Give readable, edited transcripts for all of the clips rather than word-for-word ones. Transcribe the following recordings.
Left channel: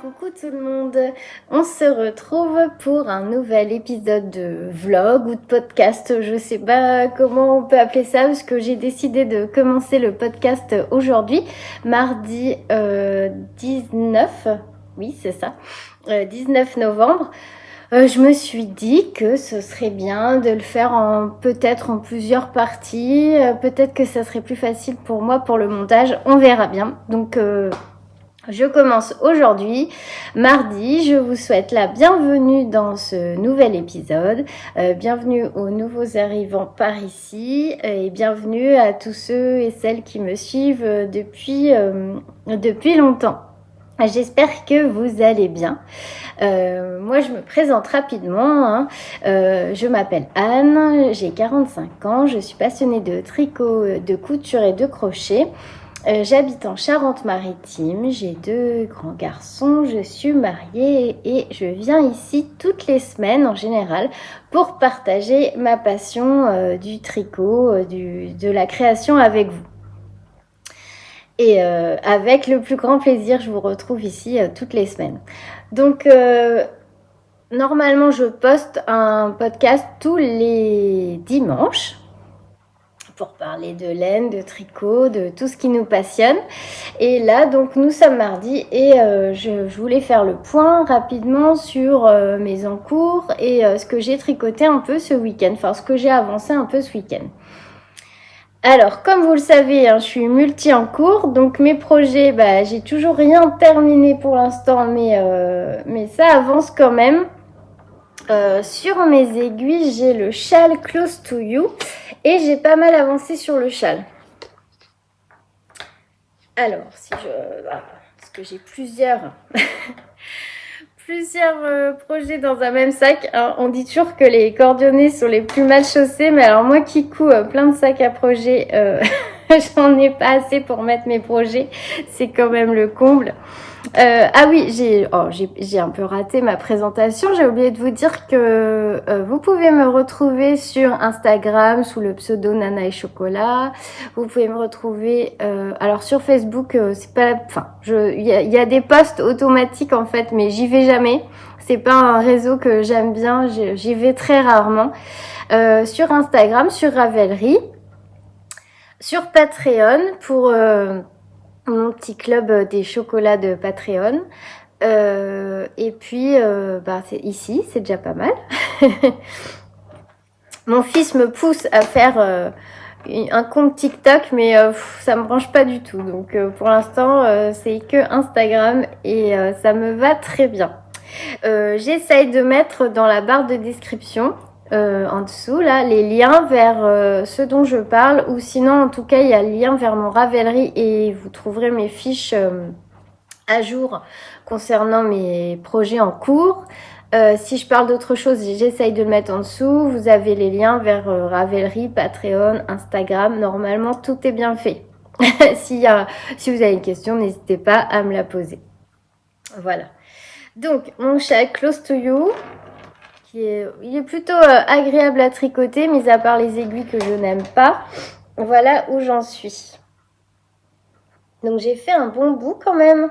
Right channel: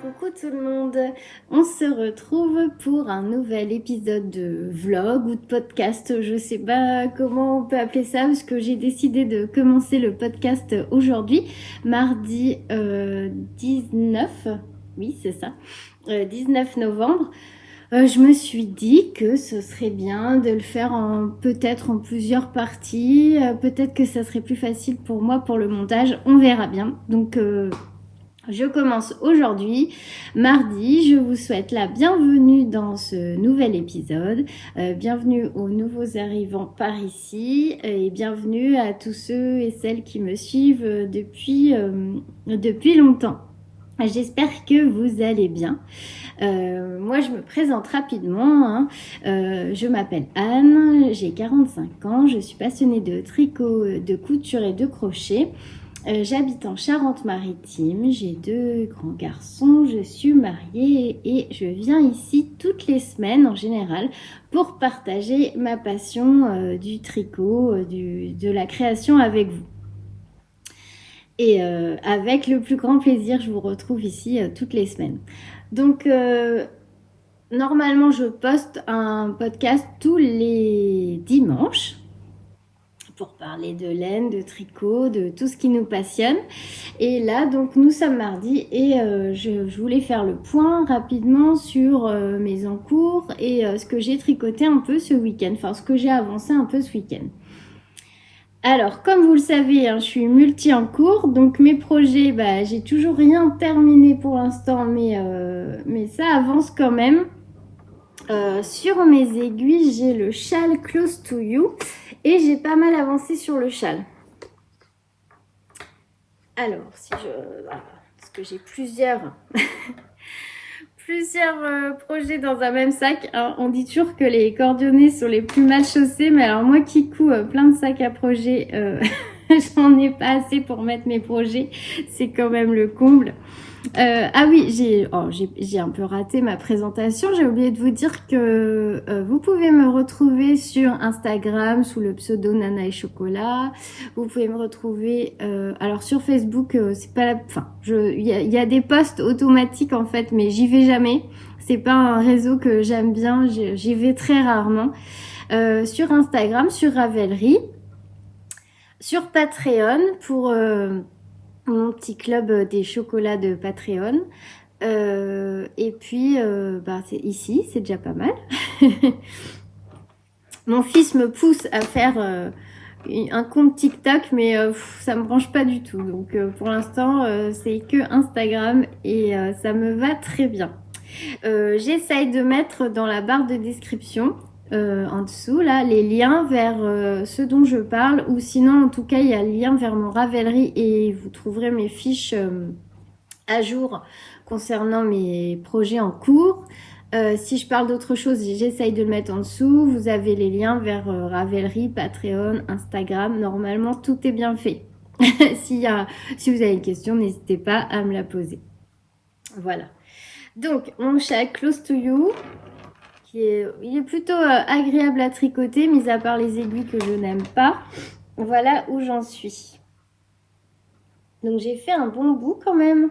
Coucou tout le monde, on se retrouve pour un nouvel épisode de vlog ou de podcast, je sais pas comment on peut appeler ça parce que j'ai décidé de commencer le podcast aujourd'hui, mardi 19, oui c'est ça, 19 novembre. Je me suis dit que ce serait bien de le faire peut-être en plusieurs parties, peut-être que ça serait plus facile pour moi pour le montage, on verra bien. Donc je commence aujourd'hui, mardi. Je vous souhaite la bienvenue dans ce nouvel épisode. Bienvenue aux nouveaux arrivants par ici et bienvenue à tous ceux et celles qui me suivent depuis longtemps. J'espère que vous allez bien. Moi, je me présente rapidement. Hein. Je m'appelle Anne, j'ai 45 ans, je suis passionnée de tricot, de couture et de crochet. J'habite en Charente-Maritime, j'ai 2 grands garçons, je suis mariée et je viens ici toutes les semaines en général pour partager ma passion du tricot, de la création avec vous. Et avec le plus grand plaisir, je vous retrouve ici toutes les semaines. Donc, normalement, je poste un podcast tous les dimanches pour parler de laine, de tricot, de tout ce qui nous passionne. Et là, donc, nous sommes mardi et je voulais faire le point rapidement sur mes encours et ce que j'ai tricoté un peu ce week-end, enfin, ce que j'ai avancé un peu ce week-end. Alors, comme vous le savez, hein, je suis multi en cours, donc mes projets, j'ai toujours rien terminé pour l'instant, mais ça avance quand même. Sur mes aiguilles, j'ai le châle Close to You et j'ai pas mal avancé sur le châle. Alors, parce que j'ai plusieurs projets dans un même sac. Hein. On dit toujours que les cordonniers sont les plus mal chaussés, mais alors moi qui couds plein de sacs à projets, j'en ai pas assez pour mettre mes projets. C'est quand même le comble. Ah oui, j'ai un peu raté ma présentation. J'ai oublié de vous dire que vous pouvez me retrouver sur Instagram sous le pseudo Nana et Chocolat. Vous pouvez me retrouver alors sur Facebook, c'est pas, enfin, il y a des posts automatiques en fait, mais j'y vais jamais. C'est pas un réseau que j'aime bien. J'y vais très rarement. Sur Instagram, sur Ravelry, sur Patreon pour mon petit club des chocolats de Patreon. Et puis, c'est ici, c'est déjà pas mal. Mon fils me pousse à faire un compte TikTok, mais ça me branche pas du tout. Donc, pour l'instant, c'est que Instagram et ça me va très bien. J'essaye de mettre dans la barre de description en dessous là les liens vers ce dont je parle, ou sinon en tout cas il y a le lien vers mon Ravelry et vous trouverez mes fiches à jour concernant mes projets en cours. Si je parle d'autre chose, j'essaye de le mettre en dessous. Vous avez les liens vers Ravelry, Patreon, Instagram. Normalement tout est bien fait. Si vous avez une question, n'hésitez pas à me la poser. Voilà. Donc mon châle Close to You, il est plutôt agréable à tricoter, mis à part les aiguilles que je n'aime pas. Voilà où j'en suis. Donc j'ai fait un bon bout quand même.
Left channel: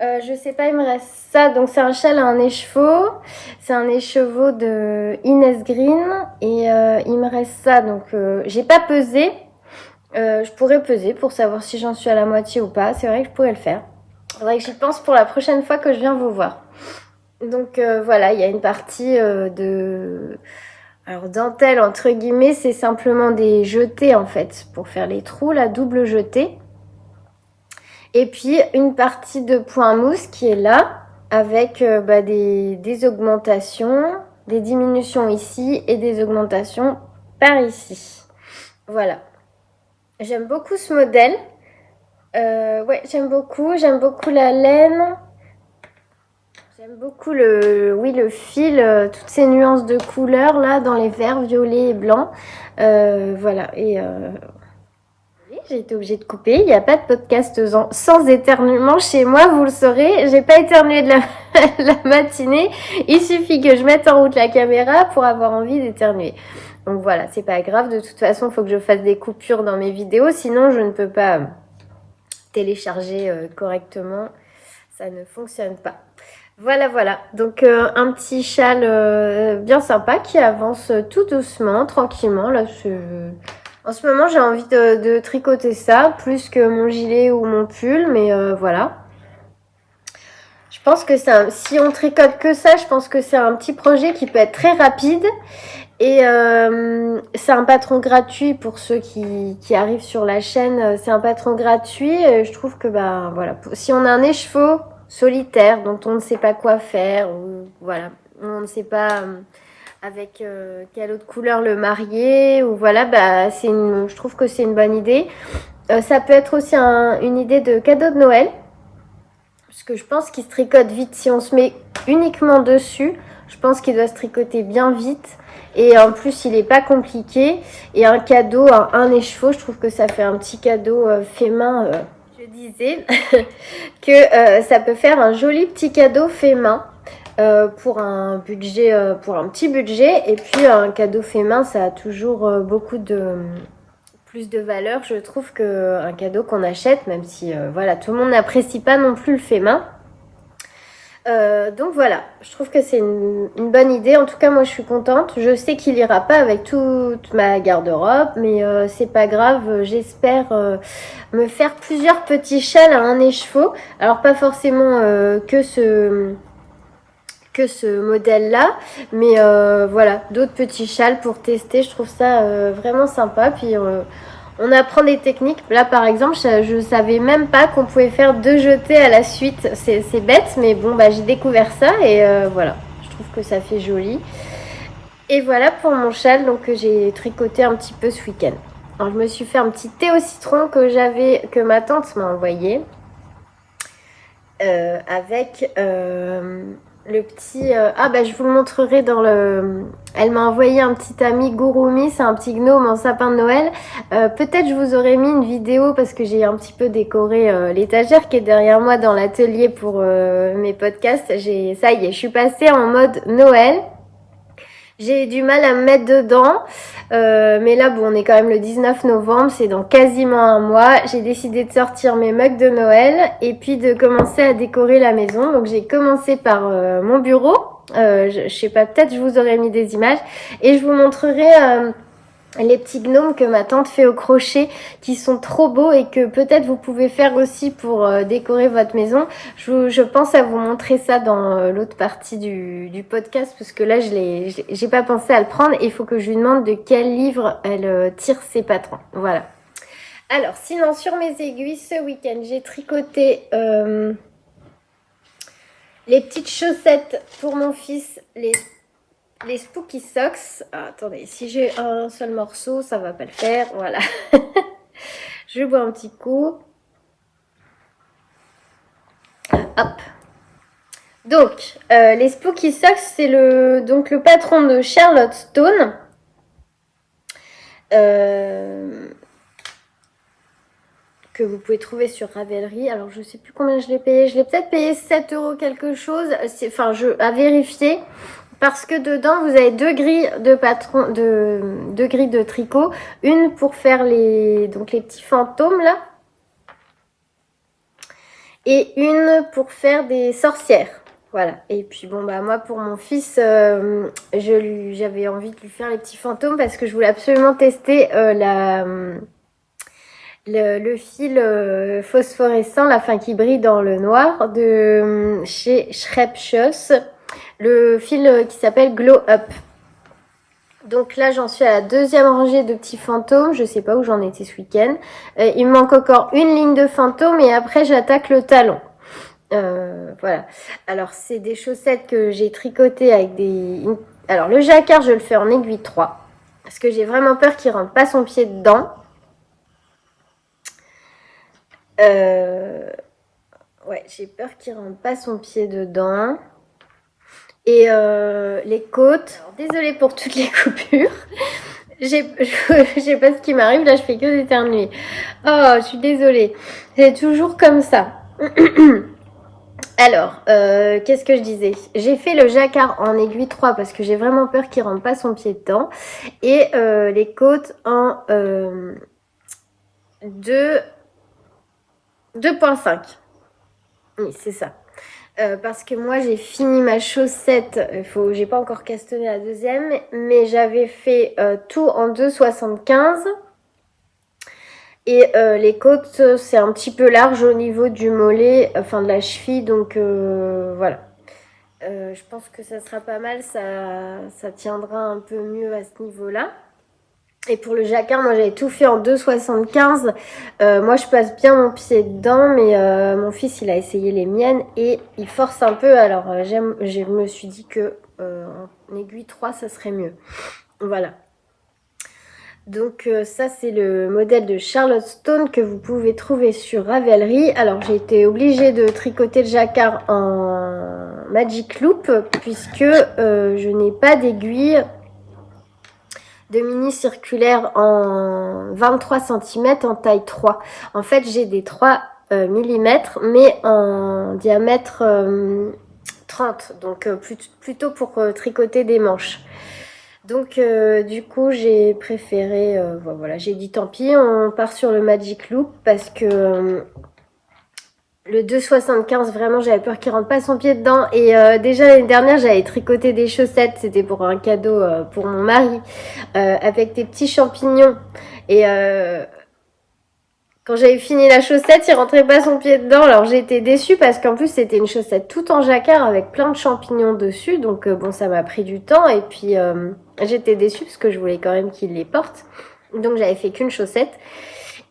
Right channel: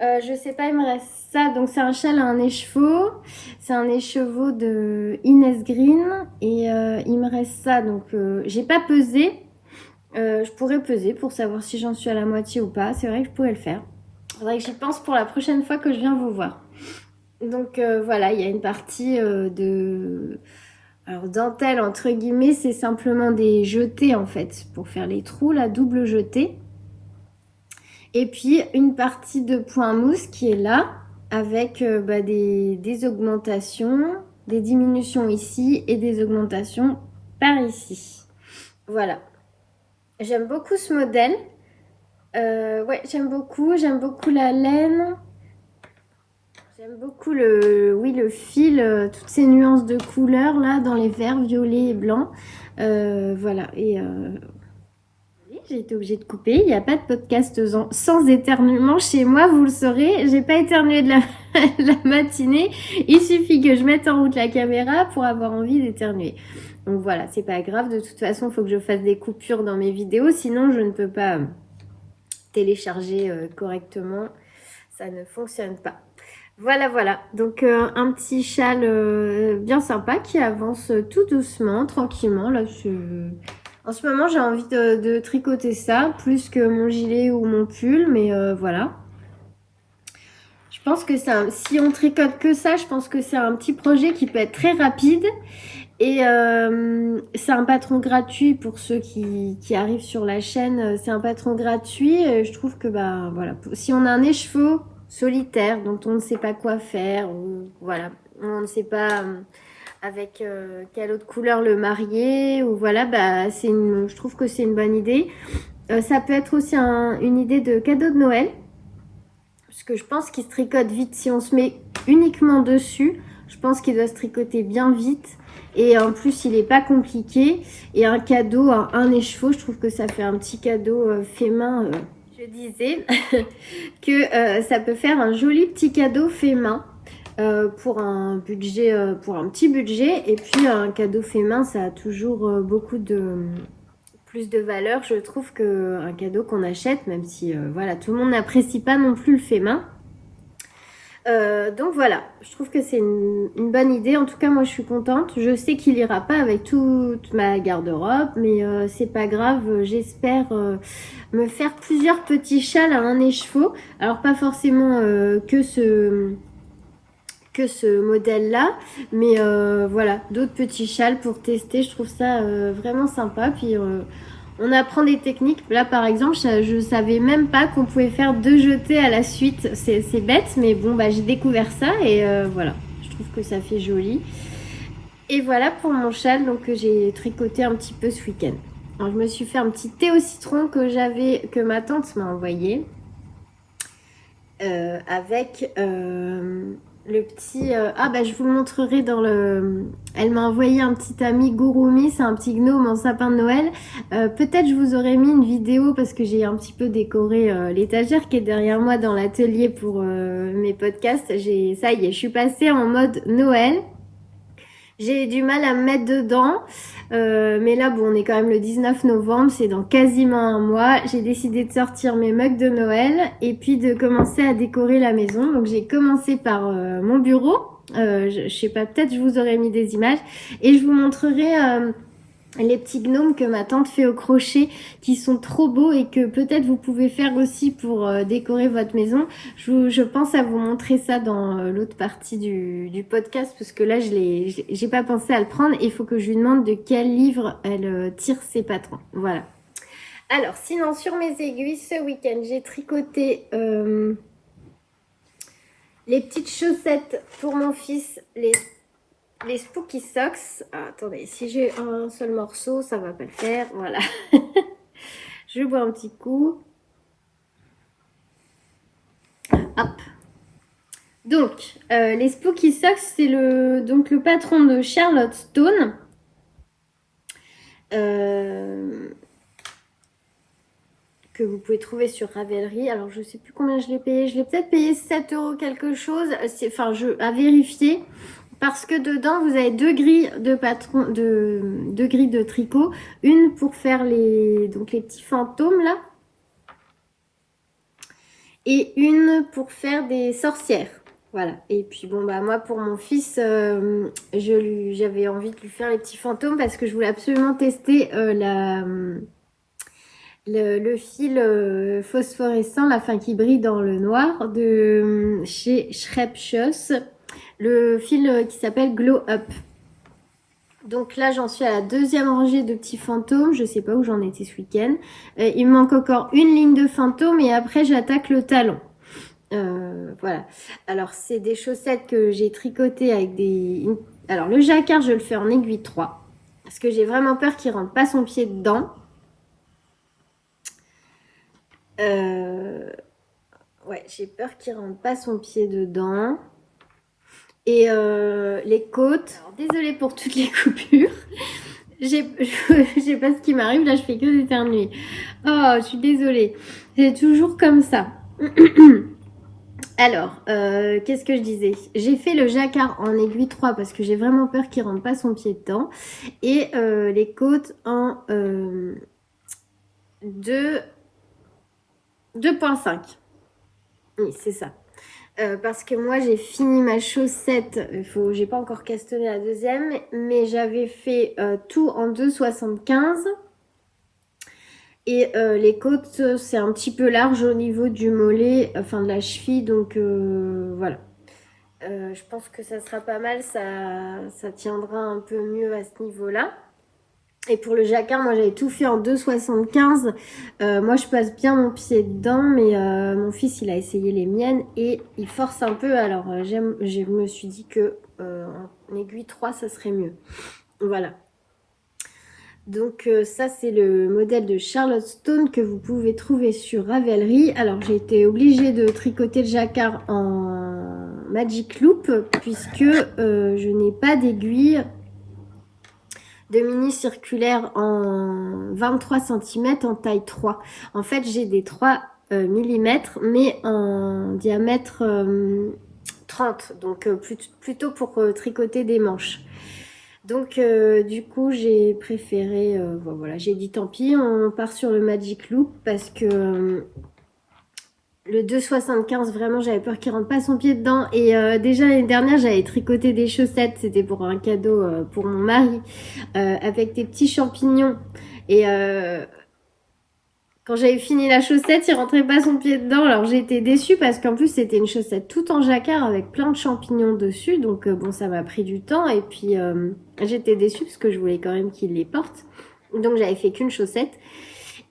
Je sais pas, il me reste ça. Donc c'est un châle à un écheveau. C'est un écheveau de Inès Green. Et il me reste ça. Donc j'ai pas pesé. Je pourrais peser pour savoir si j'en suis à la moitié ou pas. C'est vrai que je pourrais le faire. Faudrait que j'y pense pour la prochaine fois que je viens vous voir. Donc voilà, il y a une partie de... Alors dentelle, entre guillemets, c'est simplement des jetés en fait, pour faire les trous, la double jetée. Et puis une partie de point mousse qui est là, avec des augmentations, des diminutions ici et des augmentations par ici. Voilà. J'aime beaucoup ce modèle. Ouais, j'aime beaucoup la laine. J'aime beaucoup le fil, toutes ces nuances de couleurs là dans les verts, violets et blancs. Voilà. Et j'ai été obligée de couper. Il n'y a pas de podcast sans éternuement chez moi, vous le saurez. J'ai pas éternué de la matinée. Il suffit que je mette en route la caméra pour avoir envie d'éternuer. Donc voilà, c'est pas grave. De toute façon, il faut que je fasse des coupures dans mes vidéos, sinon je ne peux pas télécharger correctement. Ça ne fonctionne pas. Voilà. Donc un petit châle bien sympa qui avance tout doucement, tranquillement. Là, en ce moment, j'ai envie de tricoter ça plus que mon gilet ou mon pull, mais voilà. Je pense que si on tricote que ça, je pense que c'est un petit projet qui peut être très rapide. Et c'est un patron gratuit pour ceux qui arrivent sur la chaîne. C'est un patron gratuit. Je trouve que voilà, si on a un écheveau solitaire dont on ne sait pas quoi faire, ou voilà, on ne sait pas avec quelle autre couleur le marier, ou voilà, je trouve que c'est une bonne idée. Ça peut être aussi une idée de cadeau de Noël, parce que je pense qu'il se tricote vite si on se met uniquement dessus. Je pense qu'il doit se tricoter bien vite. Et en plus, il n'est pas compliqué. Et un cadeau, un écheveau, je trouve que ça fait un petit cadeau fait main. Je disais que ça peut faire un joli petit cadeau fait main pour un budget, pour un petit budget. Et puis un cadeau fait main, ça a toujours beaucoup de plus de valeur, je trouve, qu'un cadeau qu'on achète, même si voilà, tout le monde n'apprécie pas non plus le fait main. Donc voilà, je trouve que c'est une bonne idée. En tout cas, moi, je suis contente. Je sais qu'il ira pas avec toute ma garde-robe, mais c'est pas grave. J'espère me faire plusieurs petits châles à un écheveau. Alors pas forcément que ce modèle-là, mais voilà, d'autres petits châles pour tester. Je trouve ça vraiment sympa. Puis on apprend des techniques. Là, par exemple, je savais même pas qu'on pouvait faire 2 jetés à la suite. C'est bête, mais bon, j'ai découvert ça et voilà. Je trouve que ça fait joli. Et voilà pour mon châle, donc que j'ai tricoté un petit peu ce week-end. Alors, je me suis fait un petit thé au citron que ma tante m'a envoyé avec le petit... je vous le montrerai dans le... Elle m'a envoyé un petit ami Gurumi, c'est un petit gnome en sapin de Noël. Peut-être je vous aurais mis une vidéo parce que j'ai un petit peu décoré l'étagère qui est derrière moi dans l'atelier pour mes podcasts. Ça y est, je suis passée en mode Noël. J'ai du mal à me mettre dedans, mais là, bon, on est quand même le 19 novembre, c'est dans quasiment un mois. J'ai décidé de sortir mes mugs de Noël et puis de commencer à décorer la maison. Donc, j'ai commencé par mon bureau. Je sais pas, peut-être je vous aurais mis des images et je vous montrerai les petits gnomes que ma tante fait au crochet qui sont trop beaux et que peut-être vous pouvez faire aussi pour décorer votre maison. Je pense à vous montrer ça dans l'autre partie du podcast parce que là j'ai pas pensé à le prendre et il faut que je lui demande de quel livre elle tire ses patrons. Voilà. Alors sinon sur mes aiguilles ce week-end j'ai tricoté les petites chaussettes pour mon fils, les Spooky Socks. Ah, attendez, si j'ai un seul morceau, ça va pas le faire. Voilà. Je bois un petit coup. Hop. Donc, les Spooky Socks, c'est le patron de Charlotte Stone. Que vous pouvez trouver sur Ravelry. Alors, je sais plus combien je l'ai payé. Je l'ai peut-être payé 7 € quelque chose. À vérifier. Parce que dedans, vous avez 2 grilles deux grilles de tricot. Une pour faire les petits fantômes, là. Et une pour faire des sorcières. Voilà. Et puis, moi, pour mon fils, j'avais envie de lui faire les petits fantômes parce que je voulais absolument tester le fil phosphorescent, la fin qui brille dans le noir, de chez Schreibschuss, le fil qui s'appelle Glow Up. Donc là, j'en suis à la deuxième rangée de petits fantômes. Je sais pas où j'en étais ce week-end. Il me manque encore une ligne de fantômes et après, j'attaque le talon. Voilà. Alors, c'est des chaussettes que j'ai tricotées avec des... Alors, le jacquard, je le fais en aiguille 3. Parce que j'ai vraiment peur qu'il rentre pas son pied dedans. Ouais, j'ai peur qu'il rentre pas son pied dedans. Et les côtes. Alors, désolée pour toutes les coupures. Je sais pas ce qui m'arrive, là je fais que d'éternuer. Oh, je suis désolée. C'est toujours comme ça. Alors, qu'est-ce que je disais? J'ai fait le jacquard en aiguille 3 parce que j'ai vraiment peur qu'il rentre pas son pied dedans. Et les côtes en 2,5. Oui, c'est ça. Parce que moi j'ai fini ma chaussette, j'ai pas encore castanné la deuxième, mais j'avais fait tout en 2,75 et les côtes c'est un petit peu large au niveau du mollet, enfin de la cheville, donc voilà. Je pense que ça sera pas mal, ça tiendra un peu mieux à ce niveau-là. Et pour le jacquard, moi j'avais tout fait en 2,75. Moi je passe bien mon pied dedans, mais mon fils il a essayé les miennes et il force un peu. Alors je me suis dit que en aiguille 3 ça serait mieux. Voilà. Donc ça c'est le modèle de Charlotte Stone que vous pouvez trouver sur Ravelry. Alors j'ai été obligée de tricoter le jacquard en Magic Loop puisque je n'ai pas d'aiguille de mini circulaire en 23 cm en taille 3. En fait, j'ai des 3 mm, mais en diamètre 30, donc plutôt pour tricoter des manches. Donc du coup, j'ai préféré, voilà, j'ai dit tant pis, on part sur le Magic Loop parce que le 2,75, vraiment, j'avais peur qu'il rentre pas son pied dedans. Et déjà l'année dernière, j'avais tricoté des chaussettes. C'était pour un cadeau pour mon mari, avec des petits champignons. Et quand j'avais fini la chaussette, il rentrait pas son pied dedans. Alors j'ai été déçue parce qu'en plus c'était une chaussette tout en jacquard avec plein de champignons dessus. Donc bon, ça m'a pris du temps. Et puis j'étais déçue parce que je voulais quand même qu'il les porte. Donc j'avais fait qu'une chaussette.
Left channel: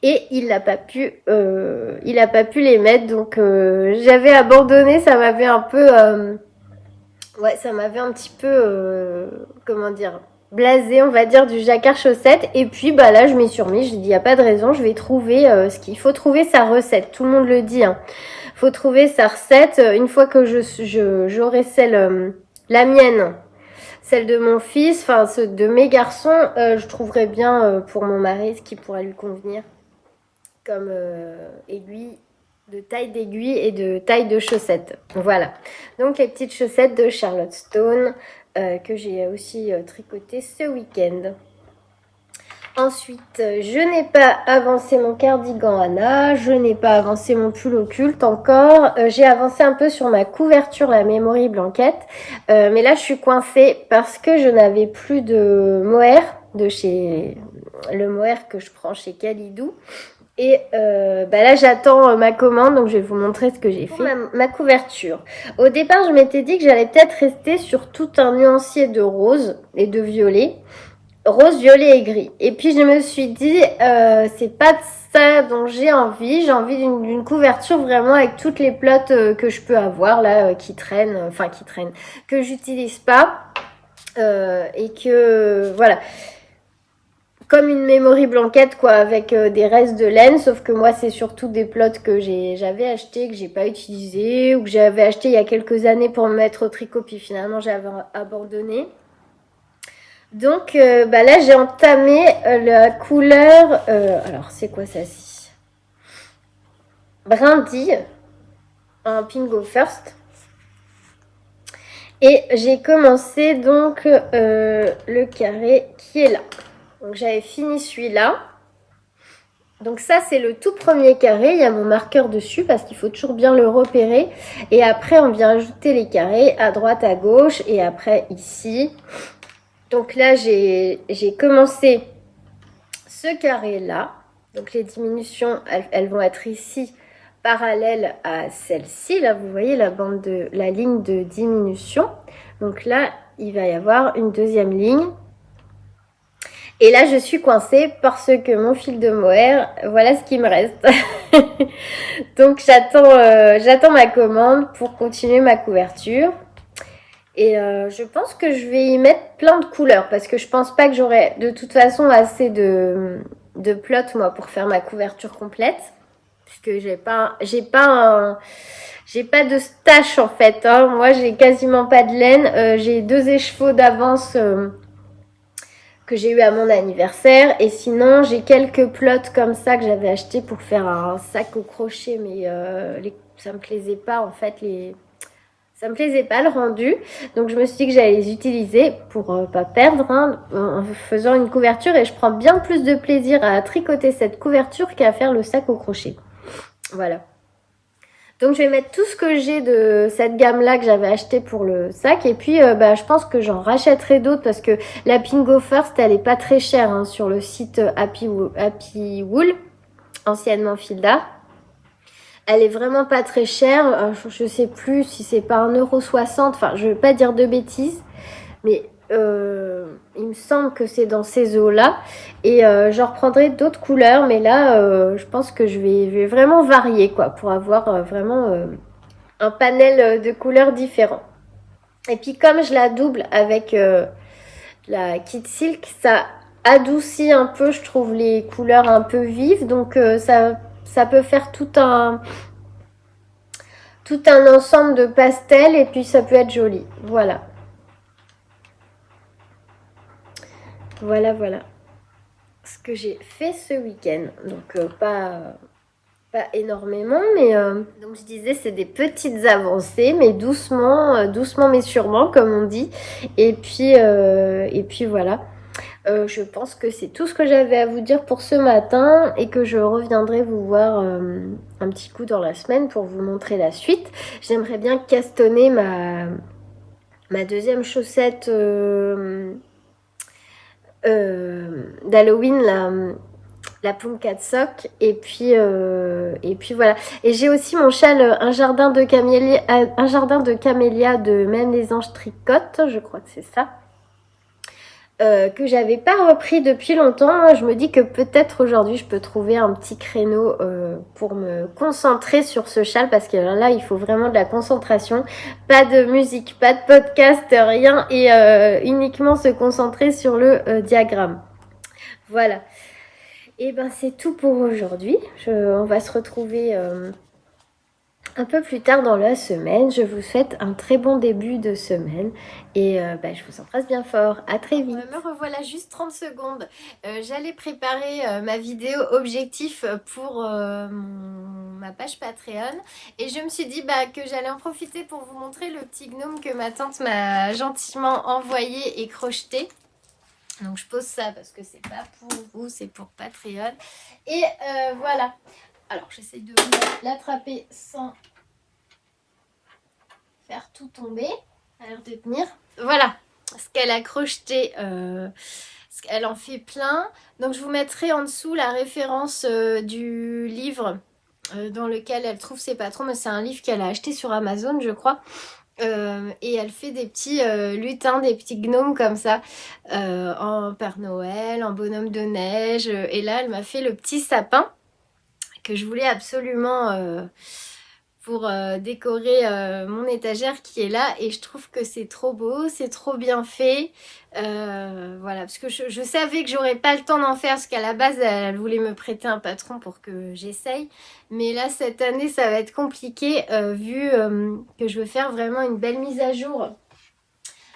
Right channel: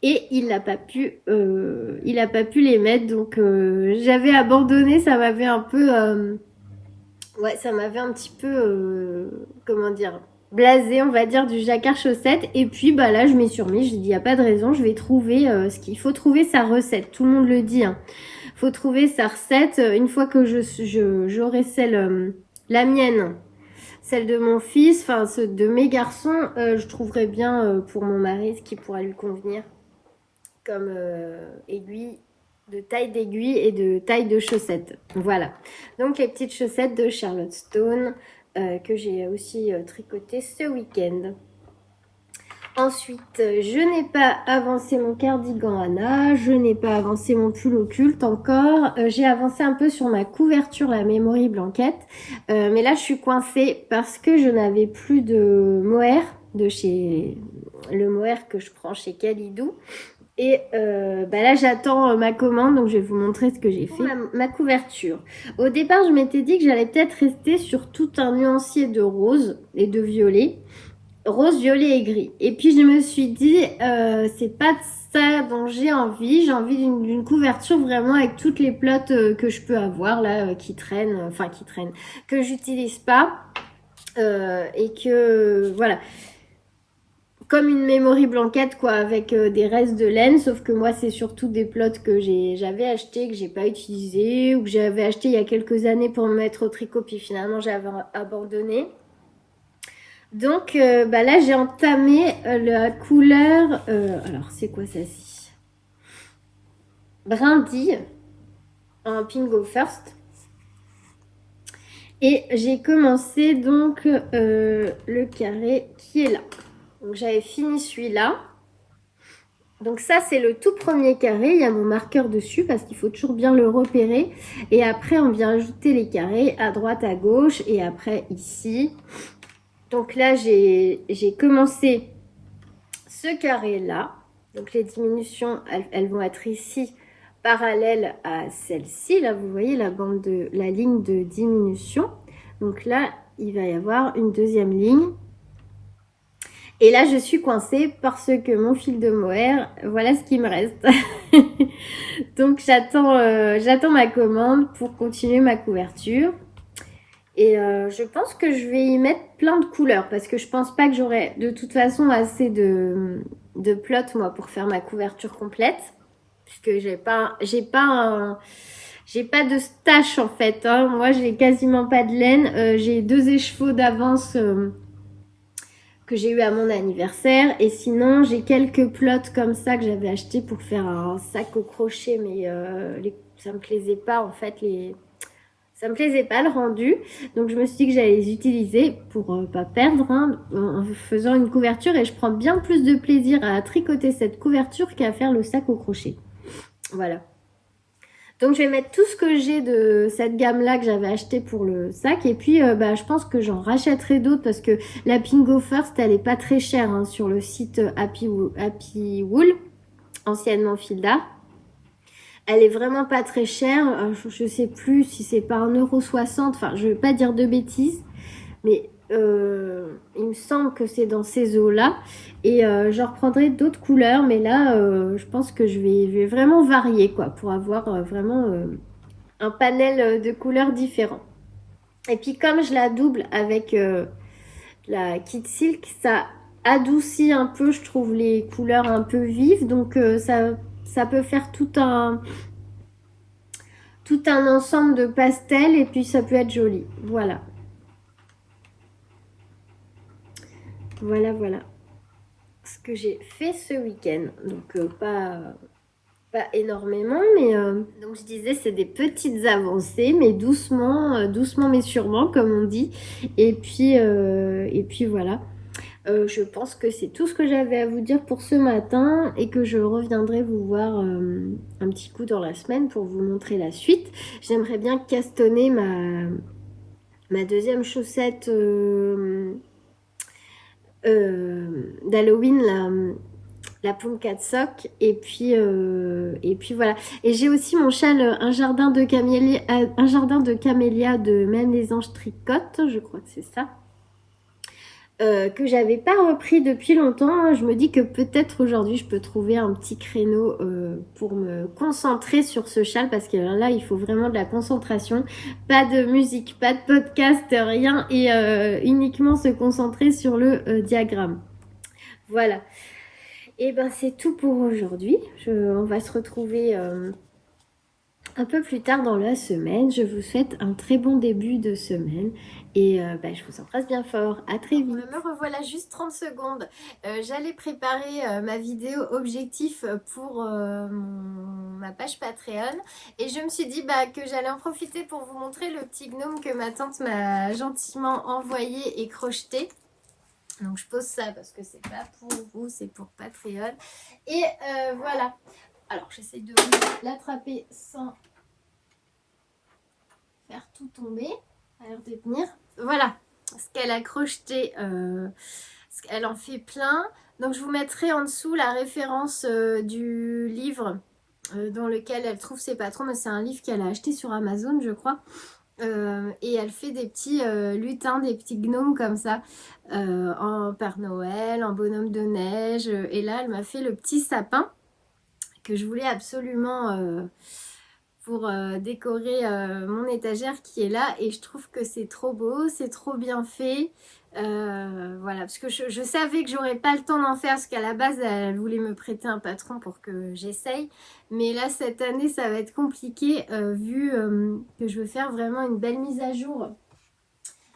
Et il n'a pas pu les mettre, donc j'avais abandonné. Ça m'avait un peu ouais, ça m'avait un petit peu comment dire, blasé, on va dire, du jacquard chaussette. Et puis bah là je m'y suis remis, j'ai dit il y a pas de raison, je vais trouver ce qu'il faut, trouver sa recette, tout le monde le dit, hein. Faut trouver sa recette. Une fois que j'aurai celle la mienne, celle de mon fils, enfin ceux de mes garçons, je trouverai bien pour mon mari ce qui pourrait lui convenir comme aiguille, de taille d'aiguille et de taille de chaussettes. Voilà. Donc les petites chaussettes de Charlotte Stone que j'ai aussi tricotées ce week-end. Ensuite, je n'ai pas avancé mon cardigan Anna, je n'ai pas avancé mon pull occulte encore. J'ai avancé un peu sur ma couverture, la Memory Blanket. Mais là, je suis coincée parce que je n'avais plus de mohair de chez le mohair que je prends chez Kalidou. Et bah là, j'attends ma commande, donc je vais vous montrer ce que j'ai fait. Ma couverture. Au départ, je m'étais dit que j'allais peut-être rester sur tout un nuancier de rose et de violet. Rose, violet et gris. Et puis, je me suis dit, c'est pas de ça dont j'ai envie. J'ai envie d'une couverture vraiment avec toutes les plottes que je peux avoir là, qui traînent, que j'utilise pas. Et que, voilà, comme une Memory Blanket quoi, avec des restes de laine, sauf que moi c'est surtout des plots que j'avais acheté, que j'ai pas utilisé, ou que j'avais acheté il y a quelques années pour me mettre au tricot, puis finalement j'avais abandonné. Donc bah là j'ai entamé la couleur, alors c'est quoi ça ci, brindille en Pingo First. Et j'ai commencé donc le carré qui est là. Donc j'avais fini celui-là. Donc ça c'est le tout premier carré, il y a mon marqueur dessus parce qu'il faut toujours bien le repérer. Et après on vient ajouter les carrés à droite, à gauche et après ici. Donc là j'ai commencé ce carré là. Donc les diminutions, elles vont être ici parallèles à celle-ci. Là, vous voyez la ligne de diminution. Donc là, il va y avoir une deuxième ligne. Et là, je suis coincée parce que mon fil de mohair, voilà ce qui me reste. Donc j'attends ma commande pour continuer ma couverture. Et je pense que je vais y mettre plein de couleurs parce que je pense pas que j'aurai de toute façon assez de plot moi pour faire ma couverture complète. Puisque j'ai pas de stash en fait. Hein. Moi j'ai quasiment pas de laine. J'ai 2 écheveaux d'avance que j'ai eu à mon anniversaire. Et sinon j'ai quelques plots comme ça que j'avais acheté pour faire un sac au crochet. Mais ça me plaisait pas en fait ça me plaisait pas le rendu, donc je me suis dit que j'allais les utiliser pour pas perdre en faisant une couverture et je prends bien plus de plaisir à tricoter cette couverture qu'à faire le sac au crochet. Voilà. Donc je vais mettre tout ce que j'ai de cette gamme-là que j'avais acheté pour le sac et puis je pense que j'en rachèterai d'autres parce que la Pingo First elle est pas très chère hein, sur le site Happy Wool, anciennement Filda. Elle est vraiment pas très chère. Je sais plus si c'est pas 1,60 €. Enfin, je vais pas dire de bêtises. Mais il me semble que c'est dans ces eaux-là. Et je reprendrai d'autres couleurs. Mais là, je pense que je vais vraiment varier quoi. Pour avoir vraiment un panel de couleurs différents. Et puis comme je la double avec la Kid Silk, ça adoucit un peu, je trouve, les couleurs un peu vives. Donc ça peut faire tout un ensemble de pastels et puis ça peut être joli. Voilà. Voilà ce que j'ai fait ce week-end. Donc pas énormément, mais donc je disais c'est des petites avancées, mais doucement mais sûrement comme on dit. Et puis voilà. Je pense que c'est tout ce que j'avais à vous dire pour ce matin et que je reviendrai vous voir un petit coup dans la semaine pour vous montrer la suite. J'aimerais bien castonner ma deuxième chaussette d'Halloween, la Pumpkin Sock. Et puis voilà. Et j'ai aussi mon châle, un jardin de camélia de Même les anges tricotent, je crois que c'est ça. Que j'avais pas repris depuis longtemps. Je me dis que peut-être aujourd'hui je peux trouver un petit créneau pour me concentrer sur ce châle parce que là il faut vraiment de la concentration, pas de musique, pas de podcast, rien et uniquement se concentrer sur le diagramme. Voilà. Et ben c'est tout pour aujourd'hui. On va se retrouver un peu plus tard dans la semaine. Je vous souhaite un très bon début de semaine et je vous embrasse bien fort. À très vite. Me revoilà juste 30 secondes. J'allais préparer ma vidéo objectif pour ma page Patreon et je me suis dit que j'allais en profiter pour vous montrer le petit gnome que ma tante m'a gentiment envoyé et crocheté. Donc je pose ça parce que c'est pas pour vous, c'est pour Patreon. Et voilà. Alors, j'essaye de l'attraper sans faire tout tomber. Ça a l'air de tenir. Voilà ce qu'elle a crocheté. Elle en fait plein. Donc, je vous mettrai en dessous la référence du livre dans lequel elle trouve ses patrons. Mais c'est un livre qu'elle a acheté sur Amazon, je crois. Et elle fait des petits lutins, des petits gnomes comme ça, en Père Noël, en bonhomme de neige. Et là, elle m'a fait le petit sapin que je voulais absolument pour décorer mon étagère qui est là et je trouve que c'est trop beau, c'est trop bien fait. Voilà, parce que je savais que j'aurais pas le temps d'en faire parce qu'à la base elle voulait me prêter un patron pour que j'essaye, mais là cette année ça va être compliqué vu que je veux faire vraiment une belle mise à jour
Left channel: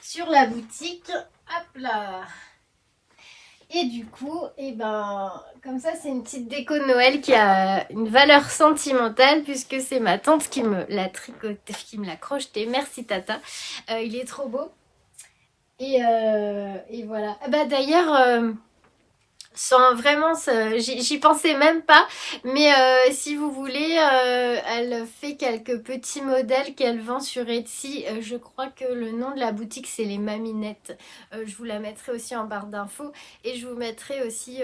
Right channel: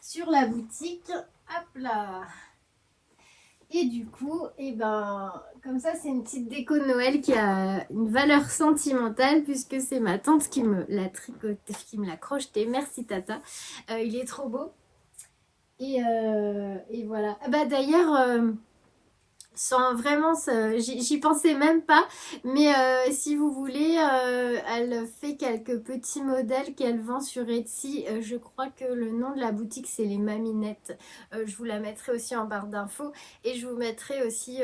sur la boutique. Hop là. Et du coup, comme ça, c'est une petite déco de Noël qui a une valeur sentimentale puisque c'est ma tante qui me l'a tricoté, qui me l'a crocheté. Merci Tata. Il est trop beau. Et voilà. D'ailleurs, sans vraiment, j'y pensais même pas, mais si vous voulez, elle fait quelques petits modèles qu'elle vend sur Etsy. Je crois que le nom de la boutique c'est les Maminettes. Je vous la mettrai aussi en barre d'infos et je vous mettrai aussi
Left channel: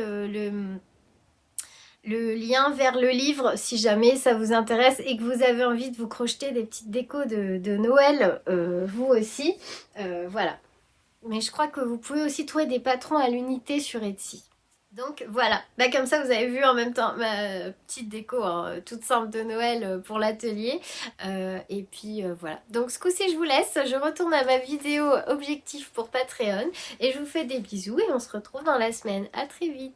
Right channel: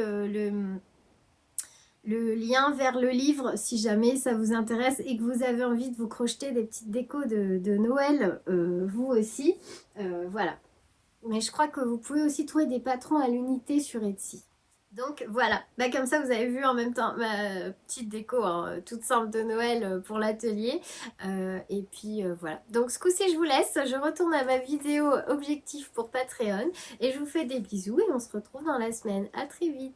le lien vers le livre si jamais ça vous intéresse et que vous avez envie de vous crocheter des petites décos de Noël, vous aussi. Voilà. Mais je crois que vous pouvez aussi trouver des patrons à l'unité sur Etsy. Donc voilà, comme ça vous avez vu en même temps ma petite déco hein, toute simple de Noël pour l'atelier. Et puis voilà, donc ce coup-ci je vous laisse, je retourne à ma vidéo objectif pour Patreon et je vous fais des bisous et on se retrouve dans la semaine. À très vite.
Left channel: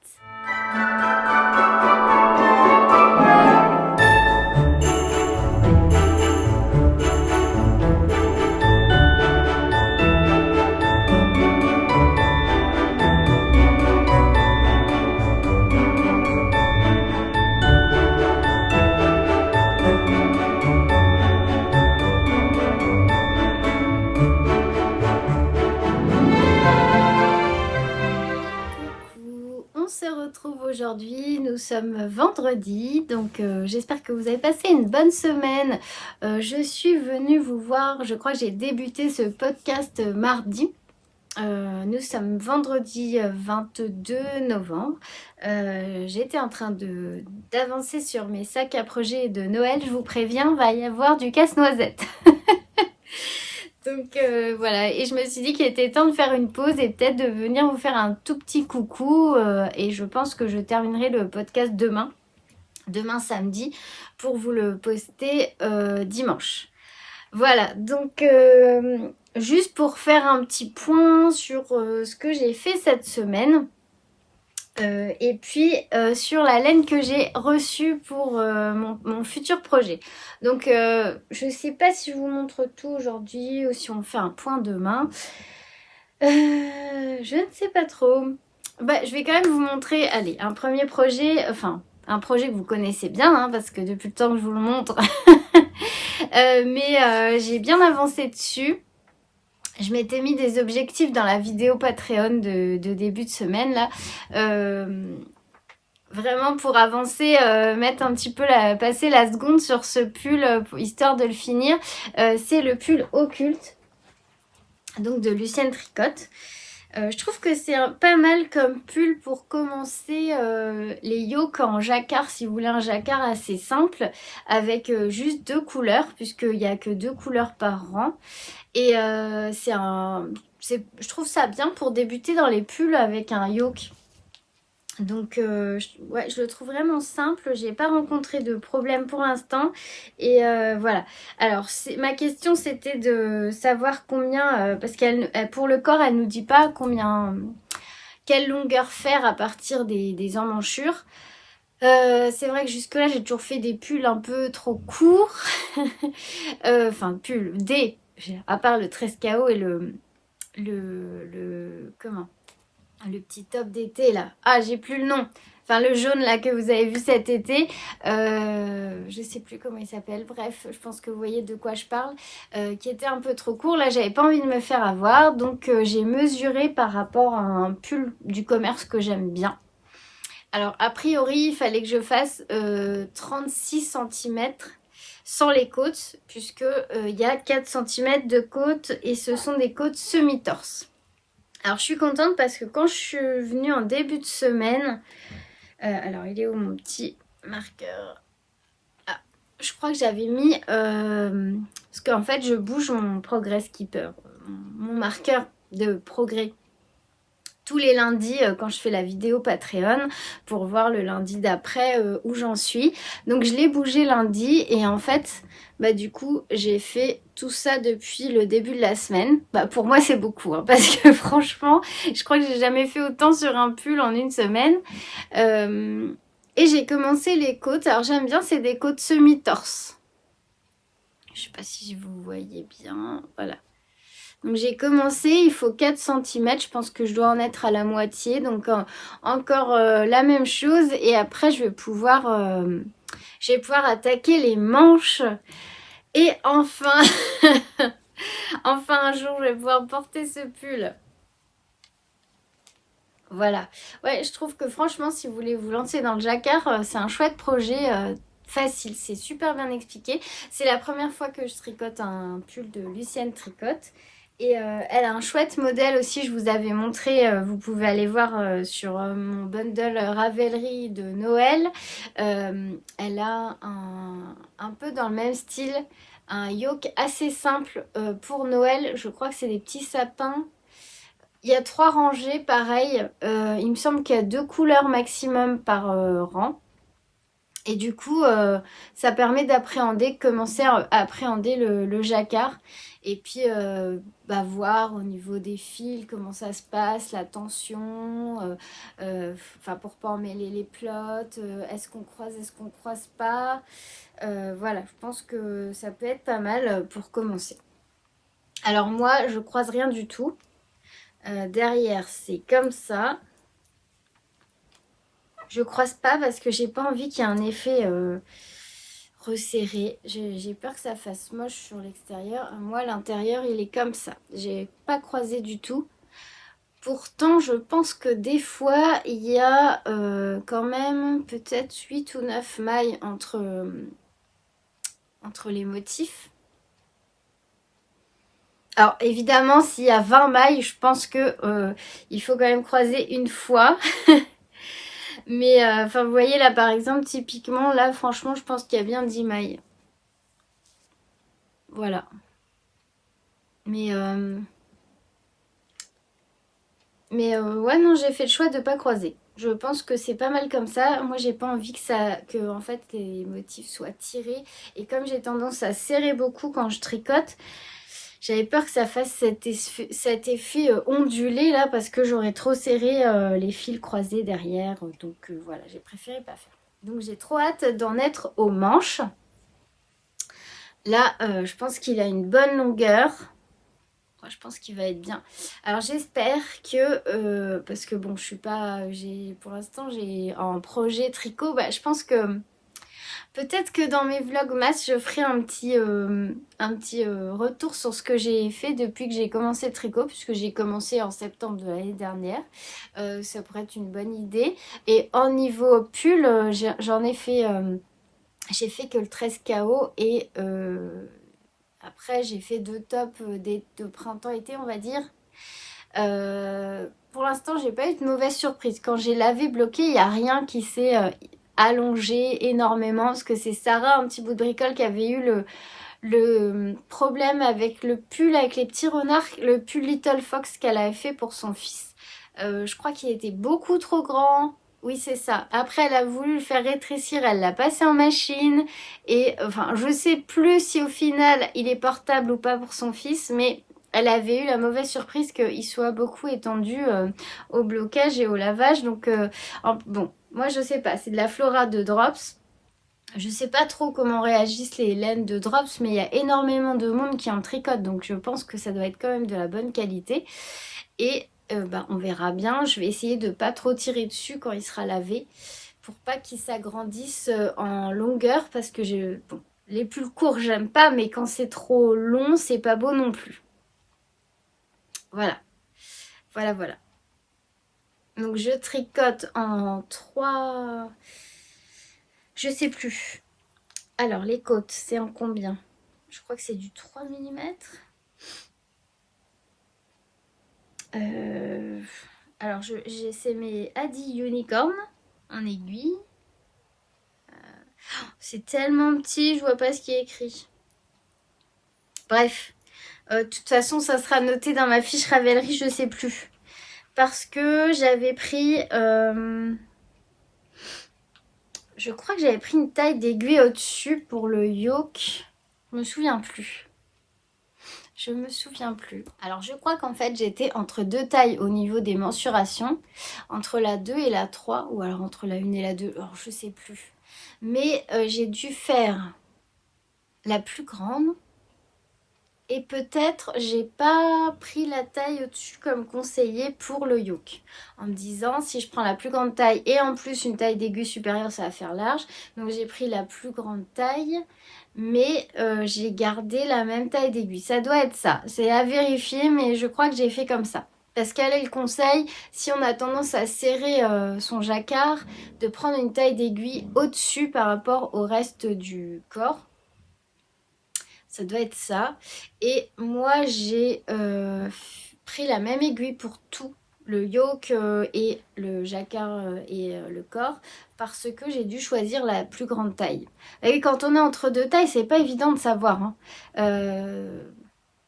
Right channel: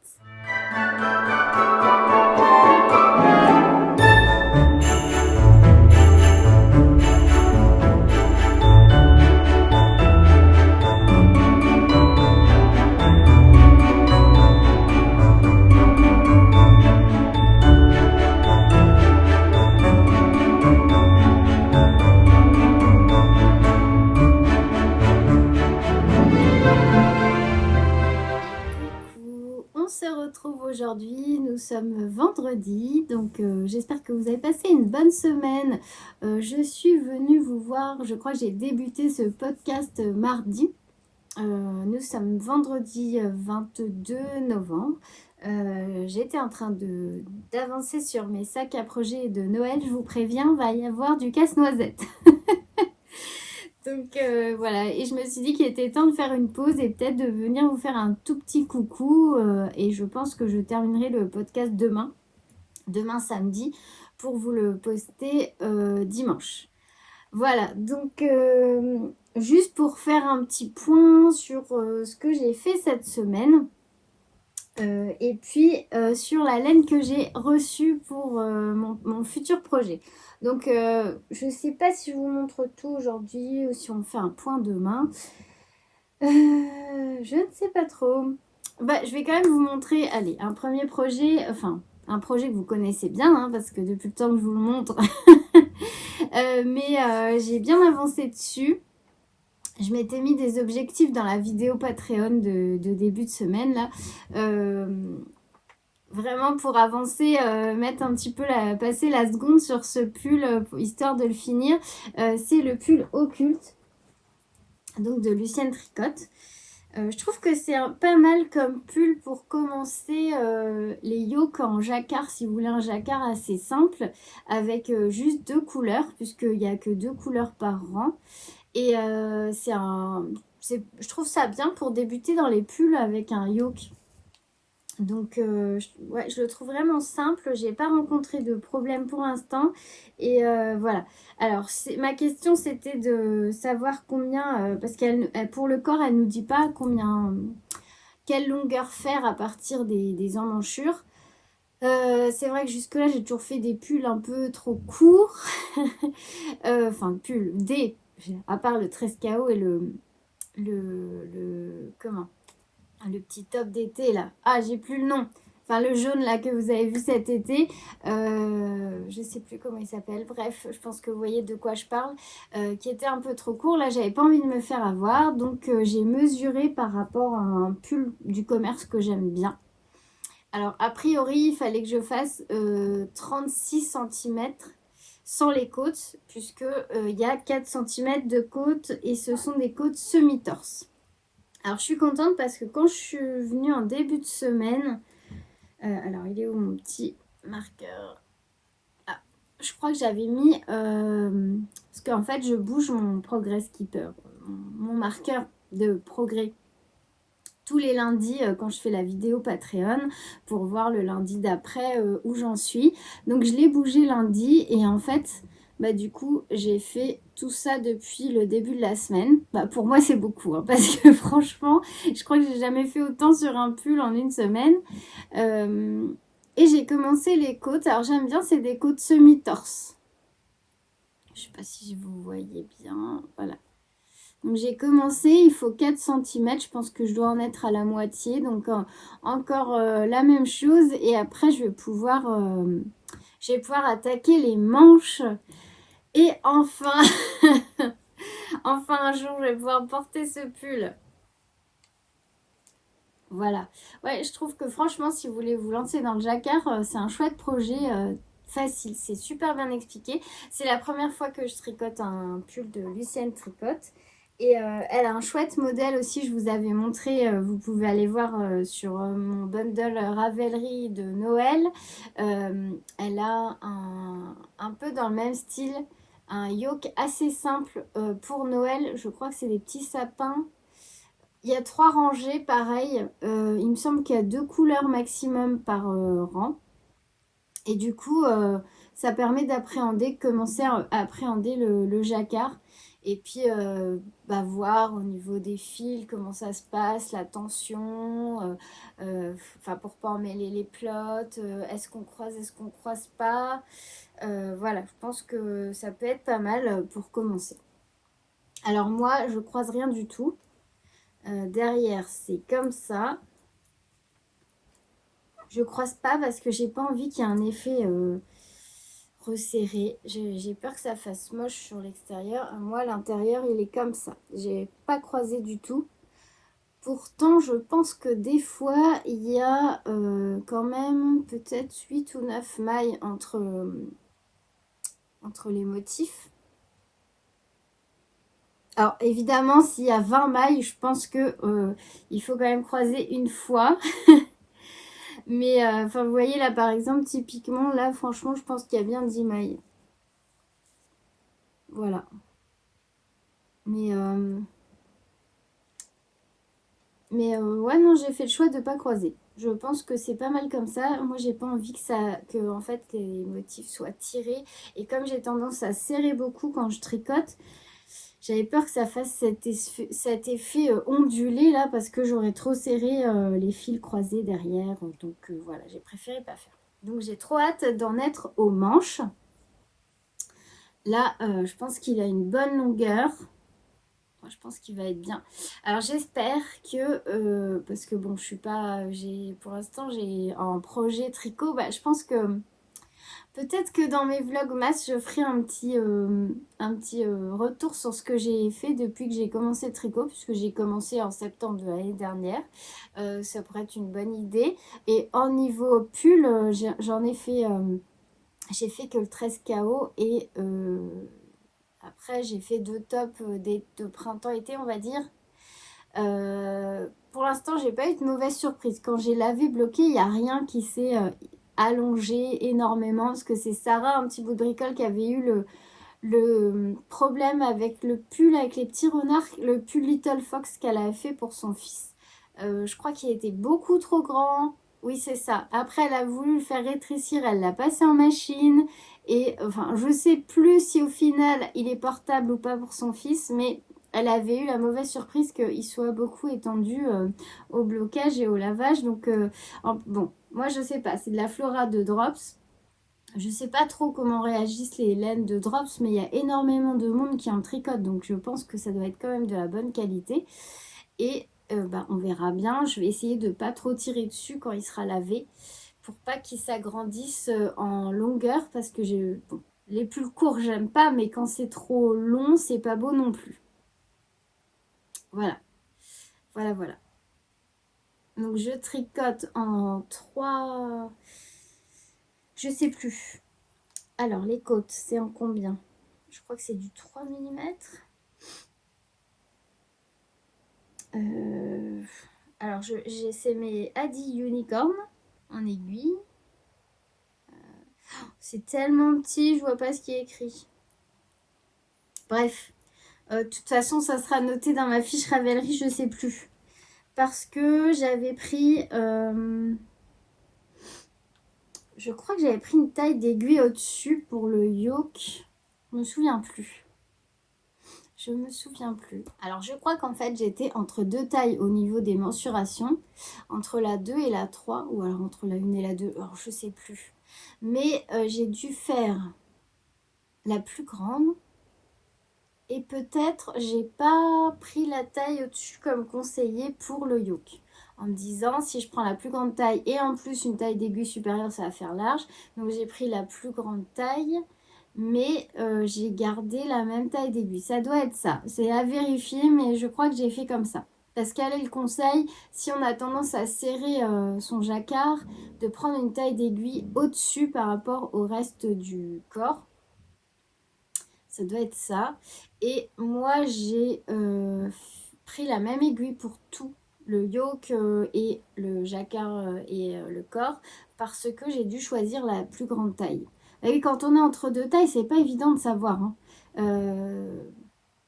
On se retrouve aujourd'hui, nous sommes vendredi, donc j'espère que vous avez passé une bonne semaine. Je suis venue vous voir, je crois que j'ai débuté ce podcast mardi. Nous sommes vendredi 22 novembre. J'étais en train d'avancer sur mes sacs à projet de Noël. Je vous préviens, va y avoir du casse-noisette. Donc voilà, et je me suis dit qu'il était temps de faire une pause et peut-être de venir vous faire un tout petit coucou. Et je pense que je terminerai le podcast demain samedi, pour vous le poster dimanche. Voilà, donc juste pour faire un petit point sur ce que j'ai fait cette semaine. Et puis sur la laine que j'ai reçue pour mon futur projet. Donc je ne sais pas si je vous montre tout aujourd'hui ou si on fait un point demain. Je ne sais pas trop. Je vais quand même vous montrer, allez, un premier projet, enfin un projet que vous connaissez bien, hein, parce que depuis le temps que je vous le montre, mais j'ai bien avancé dessus. Je m'étais mis des objectifs dans la vidéo Patreon de début de semaine là. Vraiment pour avancer, mettre un petit peu passer la seconde sur ce pull histoire de le finir. C'est le pull occulte, donc de Lucienne Tricotte. Je trouve que c'est pas mal comme pull pour commencer les yokes en jacquard, si vous voulez un jacquard assez simple, avec juste 2 couleurs, puisqu'il n'y a que 2 couleurs par rang. Et je trouve ça bien pour débuter dans les pulls avec un yoke. Donc je le trouve vraiment simple, j'ai pas rencontré de problème pour l'instant et voilà. Alors ma question c'était de savoir combien, parce qu'elle pour le corps elle nous dit pas quelle longueur faire à partir des emmanchures. C'est vrai que jusque là j'ai toujours fait des pulls un peu trop courts, enfin pulls, à part le 13KO et comment, le petit top d'été là. Ah, j'ai plus le nom. Enfin, le jaune là que vous avez vu cet été. Je sais plus comment il s'appelle. Bref, je pense que vous voyez de quoi je parle. Qui était un peu trop court. Là, j'avais pas envie de me faire avoir. Donc, j'ai mesuré par rapport à un pull du commerce que j'aime bien. Alors, a priori, il fallait que je fasse 36 cm sans les côtes. Puisque il y a 4 cm de côtes. Et ce sont des côtes semi-torse. Alors, je suis contente parce que quand je suis venue en début de semaine... alors, il est où mon petit marqueur? Ah, je crois que j'avais mis... parce qu'en fait, je bouge mon Progress Keeper, mon marqueur de progrès. Tous les lundis quand je fais la vidéo Patreon pour voir le lundi d'après où j'en suis. Donc, je l'ai bougé lundi et en fait... du coup, j'ai fait tout ça depuis le début de la semaine. Pour moi, c'est beaucoup, hein, parce que franchement, je crois que j'ai jamais fait autant sur un pull en une semaine. Et j'ai commencé les côtes. Alors, j'aime bien, c'est des côtes semi-torse. Je sais pas si vous voyez bien. Voilà. Donc, j'ai commencé, il faut 4 cm. Je pense que je dois en être à la moitié. Donc, encore la même chose. Et après, je vais pouvoir attaquer les manches. Et enfin, enfin un jour, je vais pouvoir porter ce pull. Voilà. Ouais, je trouve que franchement, si vous voulez vous lancer dans le jacquard, c'est un chouette projet facile. C'est super bien expliqué. C'est la première fois que je tricote un pull de Lucienne Tricotte. Et elle a un chouette modèle aussi, je vous avais montré, vous pouvez aller voir sur mon bundle Ravelry de Noël. Elle a un peu dans le même style, un yoke assez simple pour Noël. Je crois que c'est des petits sapins. Il y a 3 rangées, pareil. Il me semble qu'il y a 2 couleurs maximum par rang. Et du coup, ça permet d'appréhender, commencer à appréhender le jacquard. Et puis, voir au niveau des fils comment ça se passe, la tension, enfin pour pas emmêler les plots, est-ce qu'on croise pas. Voilà, je pense que ça peut être pas mal pour commencer. Alors moi, je croise rien du tout. Derrière, c'est comme ça. Je croise pas parce que j'ai pas envie qu'il y ait un effet resserré. J'ai peur que ça fasse moche sur l'extérieur. Moi, l'intérieur, il est comme ça. J'ai pas croisé du tout. Pourtant, je pense que des fois, il y a quand même peut-être 8 ou 9 mailles entre les motifs. Alors évidemment, s'il y a 20 mailles, je pense que il faut quand même croiser une fois. Mais enfin, vous voyez là par exemple, typiquement, là franchement, je pense qu'il y a bien 10 mailles. Voilà. Mais, ouais, non, j'ai fait le choix de pas croiser. Je pense que c'est pas mal comme ça. Moi, j'ai pas envie que en fait les motifs soient tirés. Et comme j'ai tendance à serrer beaucoup quand je tricote, j'avais peur que ça fasse cet effet ondulé là parce que j'aurais trop serré les fils croisés derrière. Donc voilà, j'ai préféré pas faire. Donc j'ai trop hâte d'en être aux manches. Là, je pense qu'il a une bonne longueur. Moi, je pense qu'il va être bien. Alors j'espère que, parce que bon, je suis pas, pour l'instant, j'ai en projet tricot, je pense que peut-être que dans mes vlogmas, je ferai un petit retour sur ce que j'ai fait depuis que j'ai commencé le tricot, puisque j'ai commencé en septembre de l'année dernière. Ça pourrait être une bonne idée. Et en niveau pull, j'en ai fait, j'ai fait que le 13 KO et après j'ai fait 2 tops de printemps-été, on va dire. Pour l'instant, j'ai pas eu de mauvaise surprise. Quand j'ai lavé bloqué, il n'y a rien qui s'est allongé énormément. Parce que c'est Sarah, un petit bout de bricole, qui avait eu le problème avec le pull avec les petits renards, le pull Little Fox qu'elle avait fait pour son fils. Je crois qu'il était beaucoup trop grand. Oui, c'est ça. Après, elle a voulu le faire rétrécir, elle l'a passé en machine. Et enfin, je sais plus si au final il est portable ou pas pour son fils, mais elle avait eu la mauvaise surprise qu'il soit beaucoup étendu au blocage et au lavage. Donc, bon, moi je sais pas, c'est de la Flora de Drops. Je sais pas trop comment réagissent les laines de Drops, mais il y a énormément de monde qui en tricote, donc je pense que ça doit être quand même de la bonne qualité. Et on verra bien. Je vais essayer de pas trop tirer dessus quand il sera lavé, pour pas qu'il s'agrandisse en longueur, parce que bon, les plus courts j'aime pas, mais quand c'est trop long, c'est pas beau non plus. Voilà, voilà, voilà. Donc je tricote en 3. Je sais plus. Alors les côtes, c'est en combien? Je crois que c'est du 3 mm. Alors c'est mes Adi Unicorn en aiguille. C'est tellement petit, je vois pas ce qui est écrit. Bref, de toute façon, ça sera noté dans ma fiche Ravelry, je sais plus. Parce que j'avais pris... je crois que j'avais pris une taille d'aiguille au-dessus pour le yoke. Je me souviens plus. Je me souviens plus. Alors, je crois qu'en fait, j'étais entre 2 tailles au niveau des mensurations. Entre la 2 et la 3. Ou alors entre la 1 et la 2. Alors, je sais plus. Mais j'ai dû faire la plus grande. Et peut-être j'ai pas pris la taille au-dessus comme conseillé pour le yoke. En me disant si je prends la plus grande taille et en plus une taille d'aiguille supérieure, ça va faire large. Donc j'ai pris la plus grande taille, mais j'ai gardé la même taille d'aiguille. Ça doit être ça. C'est à vérifier, mais je crois que j'ai fait comme ça. Parce qu'elle est le conseil, si on a tendance à serrer son jacquard, de prendre une taille d'aiguille au-dessus par rapport au reste du corps. Ça doit être ça. Et moi, j'ai pris la même aiguille pour tout, le yoke et le jacquard et le corps, parce que j'ai dû choisir la plus grande taille. Et quand on est entre deux tailles, c'est pas évident de savoir. Hein.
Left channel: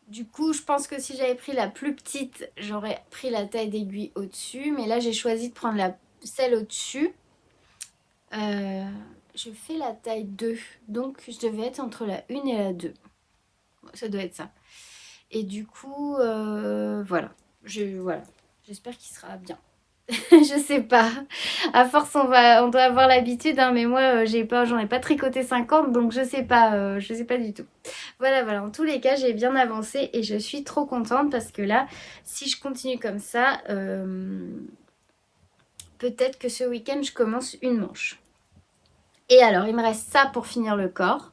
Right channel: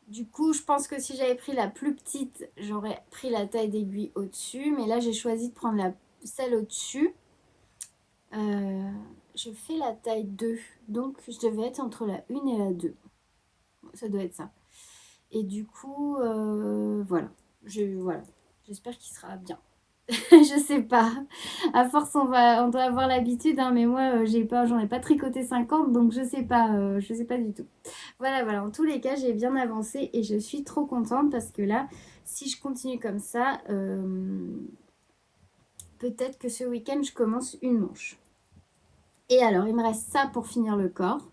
Du coup, je pense que si j'avais pris la plus petite, j'aurais pris la taille d'aiguille au-dessus. Mais là, j'ai choisi de prendre celle au-dessus. Je fais la taille 2. Donc, je devais être entre la 1 et la 2. Ça doit être ça. Et du coup, voilà. Voilà. J'espère qu'il sera bien. Je sais pas. À force, on doit avoir l'habitude, hein, mais moi, j'en ai pas tricoté 50, donc je sais pas du tout. Voilà. En tous les cas, j'ai bien avancé et je suis trop contente parce que là, si je continue comme ça, peut-être que ce week-end, je commence une manche. Et alors, il me reste ça pour finir le corps.